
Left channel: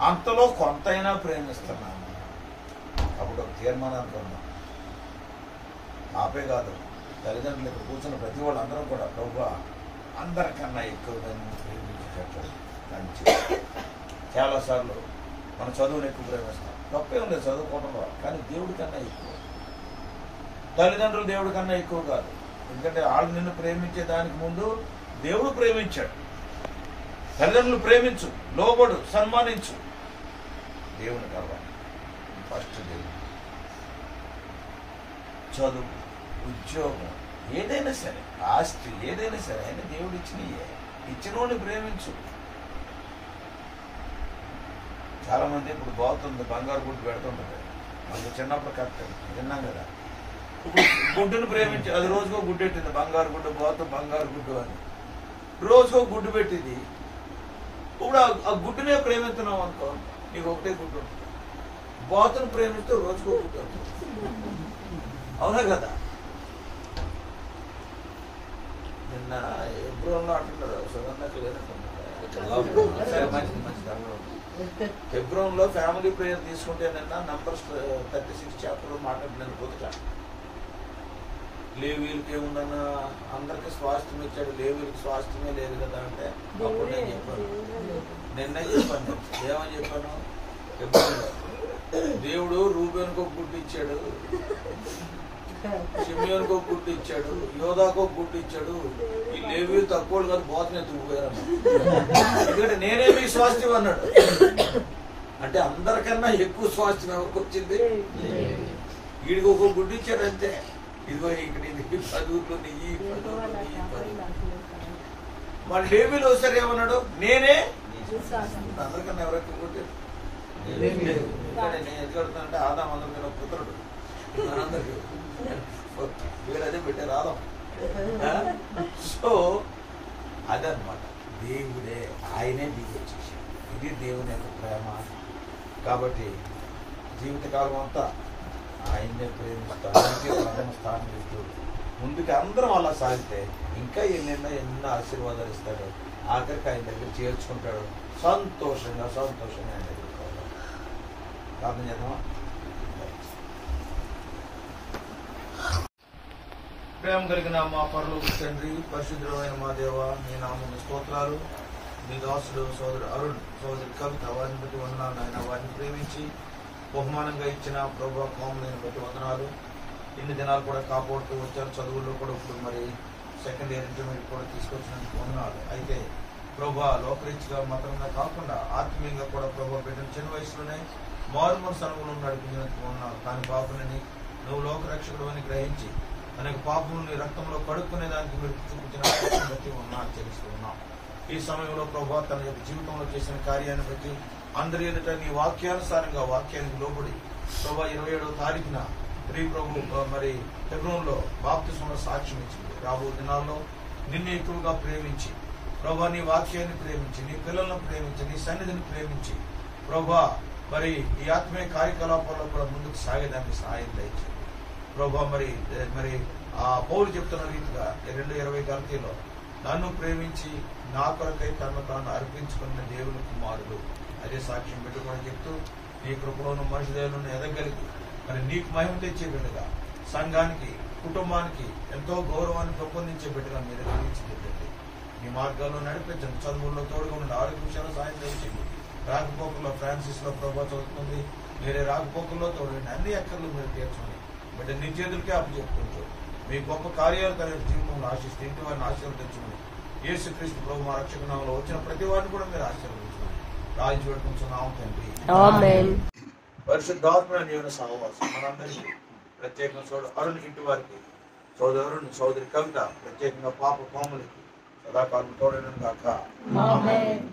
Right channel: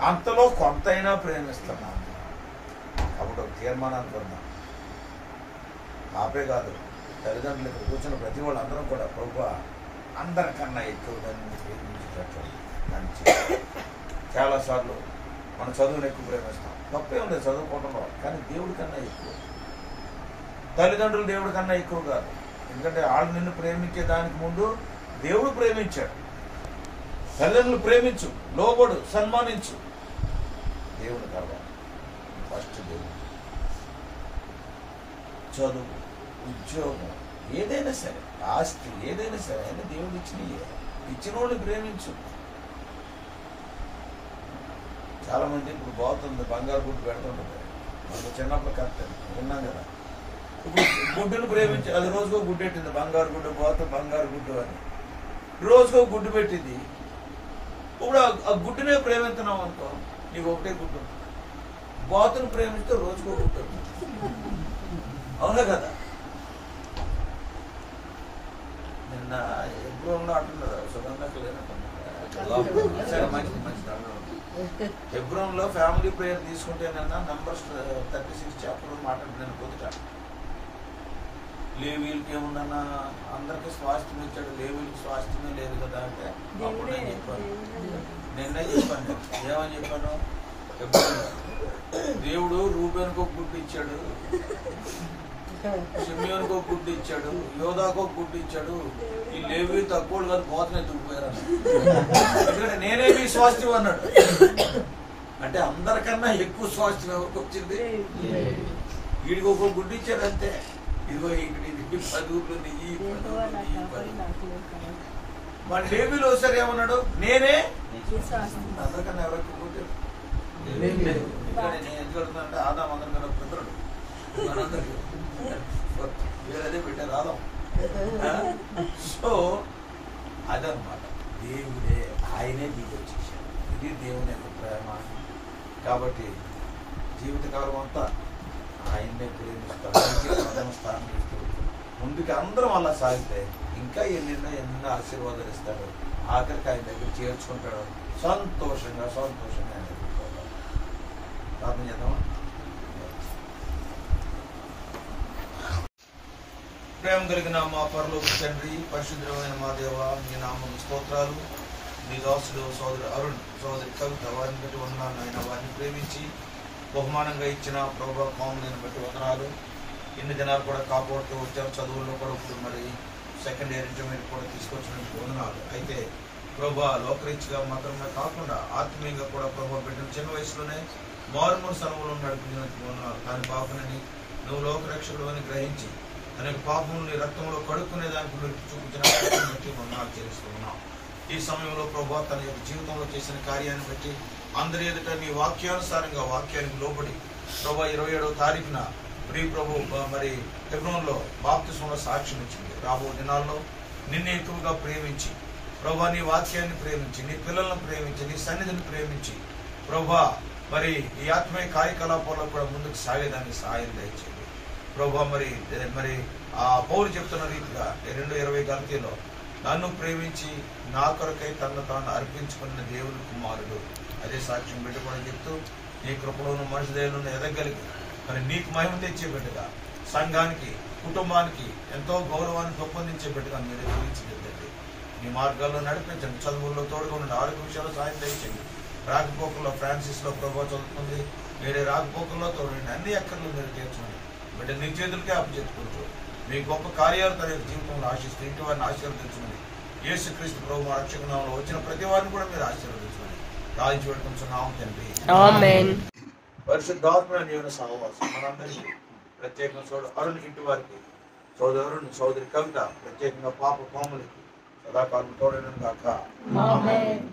అంతలో కొంతైనా ప్రేమిస్తున్నాము. కాబట్టి ఒక తీర్మానానికి ఉందాం. ఆపే కాదు, తల్లిదండ్రులు ఇక్కడ కూర్చున్న ప్రతి వాళ్ళు అందరం కూడా ప్రభువా అందరికన్నా ఎక్కువగా ప్రేమించేటట్లు మంచి. చాలాసార్లు మన చదువుని ఎక్కువ ప్రేమిస్తాం. తప్పేం లేదు చదువుకోవడంలో, కానీ దేవుడి కన్నా ఎక్కువ. తల్లిదండ్రులు దేవుడి కన్నా ఎక్కువ కాదు. ఎందుకంటే వాళ్ళు నిన్ను ప్రేమించే దానికి ముందు దేవుడు ప్రేమించాడు. తల్లిదండ్రులు ప్రేమించు, లోబడు, సన్మానించు. దేవుని కావాలి ఫస్ట్. దేవుడు చదువు, ఉద్యోగం, ఏదైనా సరే, ఆస్తి ఏదైనా సరే అని దేవుడు ఇచ్చిన వాడిని ప్రేమించు. చాలా మంది ఇప్పుడు బాగుతుంది బంగారు గుడ్డు పెడుతుంటుంది. మనకు చిన్నప్పుడు కరెక్ట్ విన్నాం కదా. ఇప్పుడు గుడ్డును ప్రేమించి అది రోజుకో గుడ్డు పెట్టింది. బంగారు గుడ్డు బాతు, బంగారు గుడ్డు అని రోజుకో గుడ్డు పెట్టింది. ఇప్పుడు ఆ గుడ్డునే ప్రేమిస్తున్నాం అనుకో, నీకు ఒకటే గుడ్డు ఉంటుంది. బాతును ప్రేమిస్తే రోజుకో గుడ్డు ఉంటుంది. అవునా కదా? నిన్న ఎబ్రోన్లో అంటున్నారు సుగంధకు లేనట్టున్నారు. సరే, మంచిది మంచిది. ఎబ్రోన్లో ఫ్యామిలీ ప్రేయర్ తీసుకుంటే నిన్న నంబర్స్ 36 చాప్టర్ మాట్లాడిన పొద్దుట లేవీలకి ఏముందన్న అందరికి స్వాస్థ్యం ఇచ్చాడు, లేవీలకి స్వాస్థ్యమే లేదు కదా అంటే అప్పుడు నేను చెప్పాను. నిన్నే చెప్పాను. ఏమని చెప్పాను? ఎబ్రోన్లో దేవుడు రూబేనుకు ఒక గుడ్డు ఇచ్చాడు, షిమియోనుకు ఒక గుడ్డు ఇచ్చాడు, యోధాకు ఒక గుడ్డు ఇచ్చాడు. ఈ లేవీలు తక్కువ కాదు, పోతనే తుడిపోయారు. ఎందుకంటే నేనే మీ స్వాస్థ్యం అన్నాడు. అంటే అందరికన్నా ఎక్కువ స్వాస్థ్యం ఎవరికి వచ్చింది? వీడికి ఒక గుడ్డు ఇచ్చాడు అంతే. ఇదిగో ఇక్కడ ఇది 10 ఊర్లు నెయ్యి, 10 ఊర్లు నెయ్యి, 10. మన లేవీలు ఒకసారి ఏమన్నాడు? నేనే అందరికన్నా ఎవరెక్కువ కొట్టాడు? నేను ఎందుకు అడుగుతానంటే ఆదాం అందరికన్నా పుత్రుడు. మనందరికి వేరే అదే పెట్టారు ఆదాం. సో అదనమాట. దేవుడే, ఆయనే దిగి వచ్చేసాడు. ఇది దేవుని యొక్క ప్రేమ. కాబట్టి జీవితకాలం అంతా ఆయన్నే ప్రేమిస్తాడు, ప్రథమ స్థానం ఇస్తూ ముందుకు అందరం అలా సాగితే ఇంకా ఎన్నో ఆశీర్వాదాలు ఇస్తాడు. ఆఖరికి ఆయన దగ్గర చేర్చుకుంటాడు. సంతోషంగా ఆయన దగ్గర పోతాడు. ప్రార్థన చేద్దామా? ప్రేమ కలిగిన మా పరలోక తండ్రి, పరిశుద్ధమైన మా దేవ, మీ నామం స్తోత్రాలు. మీ దాసుడు సోదరు అరుణ్, సోదరి కవిత, వారిని బట్టి వందనాలు నాయన. వారిని ప్రేమించి బహుమానంగా ఇచ్చిన ప్రభు కాములను బట్టి వందనాలు. ఇన్ని దినాలు కూడా కాపాడుతూ వచ్చారు. చదువుల్లో కూడా ఇప్పుడు మరి సెకండ్ ఇయర్ ఇంటర్మీడియట్ కూడా తీసుకొచ్చిన వందనాలు. అయితే ప్రభు లోకరీత్గా మాత్రమే కాకుండా ఆత్మీయంగా కూడా ప్రభు పెట్టిన చిన్న వయసులోనే మారుమూల అనుభవం నడిపించినట్టు వందనాలు. కానీ బాబునని నువ్వు లోకరక్షకుడు అని గ్రహించి అనేక పాపములు నీ రక్తంలో కడుక్కునే దానికి మీరు చూపించిన బట్టి వందనాలు చెల్లిస్తూ ఉన్నాం. ఈ సమయంలో ప్రభు తన యొక్క జీవితంలో చేసిన కార్యాన్ని బట్టి అందరి ఎదుట నీ వాక్యానుసారంగా వాక్యానికి లోబడి ప్రభు 27వ తారీఖున ప్రియ ప్రభు మరి హెబ్రోన్లో బాప్తిస్మంలో సాక్ష్యం ఇచ్చింది. రాబో దినాల్లో నిన్ను ఎక్కువగా ప్రేమించి ప్రభు నీ వాక్యాన్ని ప్రేమించి, నీ పిల్లలను ప్రేమించి, నీ సన్నిధిని ప్రేమించి ప్రభు మరి ఈ ఆత్మీయ కార్యకలాపాల్లో కూడా ముందుకు సాగేదానికి సహాయం దయచేయండి ప్రభు. మరి ఆ పౌలు చెప్తున్న రీతిగా 2:20 గలతీలో నన్ను ప్రేమించి నా కొరకై తనను తాను అర్పించుకున్న దేవుని కుమారుడు అదే సాక్ష్యం పెట్టుకోవడం చెప్తూ నీ కృపలోను మనిషి దేవులను ఎదగలిగి మరి నీకు మహిమ తెచ్చే బిడ్డగా, సంఘానికి కుటుంబానికి ఎంతో గౌరవాన్ని పెంపొందించే బిడ్డగా మీరు జీవించగలిగింది. నీ మార్గాల్లో నడిపించండి. చదువుల్లో తోడుగా ఉండండి. ఆరోగ్య విషయాల్లో సాయం దయచేయండి. రాకపోకల్లో ఫ్రాన్సిస్లో ప్రభావ చదువుతుంది. వేరే రాకపోకల్లో తోడండి. అన్ని అక్కర్లు మీరు తీర్చండి. బిడ్డ నీ చేతులకే అప్పచెప్పుకుంటూ మీ గొప్ప కార్యాలు తన జీవితంలో ఆశిస్తూ ఇంటి వారిని ఆశీర్వదించమని యేసుక్రీస్తు ప్రభు మా రక్షకునామములో వచ్చిన ప్రతి వారిని కూడా మీరు ఆశీర్వదించమని రాయించి పెట్టుకుంటున్నాము తండ్రి. ఆమేన్. పరిశుద్ధాత్మ జీవన సహవాసం మనందరికీ, ప్రత్యేకంగా సోదరు అరుణ్ ఇంటి వారికి, సోదరుని సోదరి కవిత, ప్రత్యేకంగా పాప కోమలికి సదాకాలం తోడైన గాక. ఆమేన్.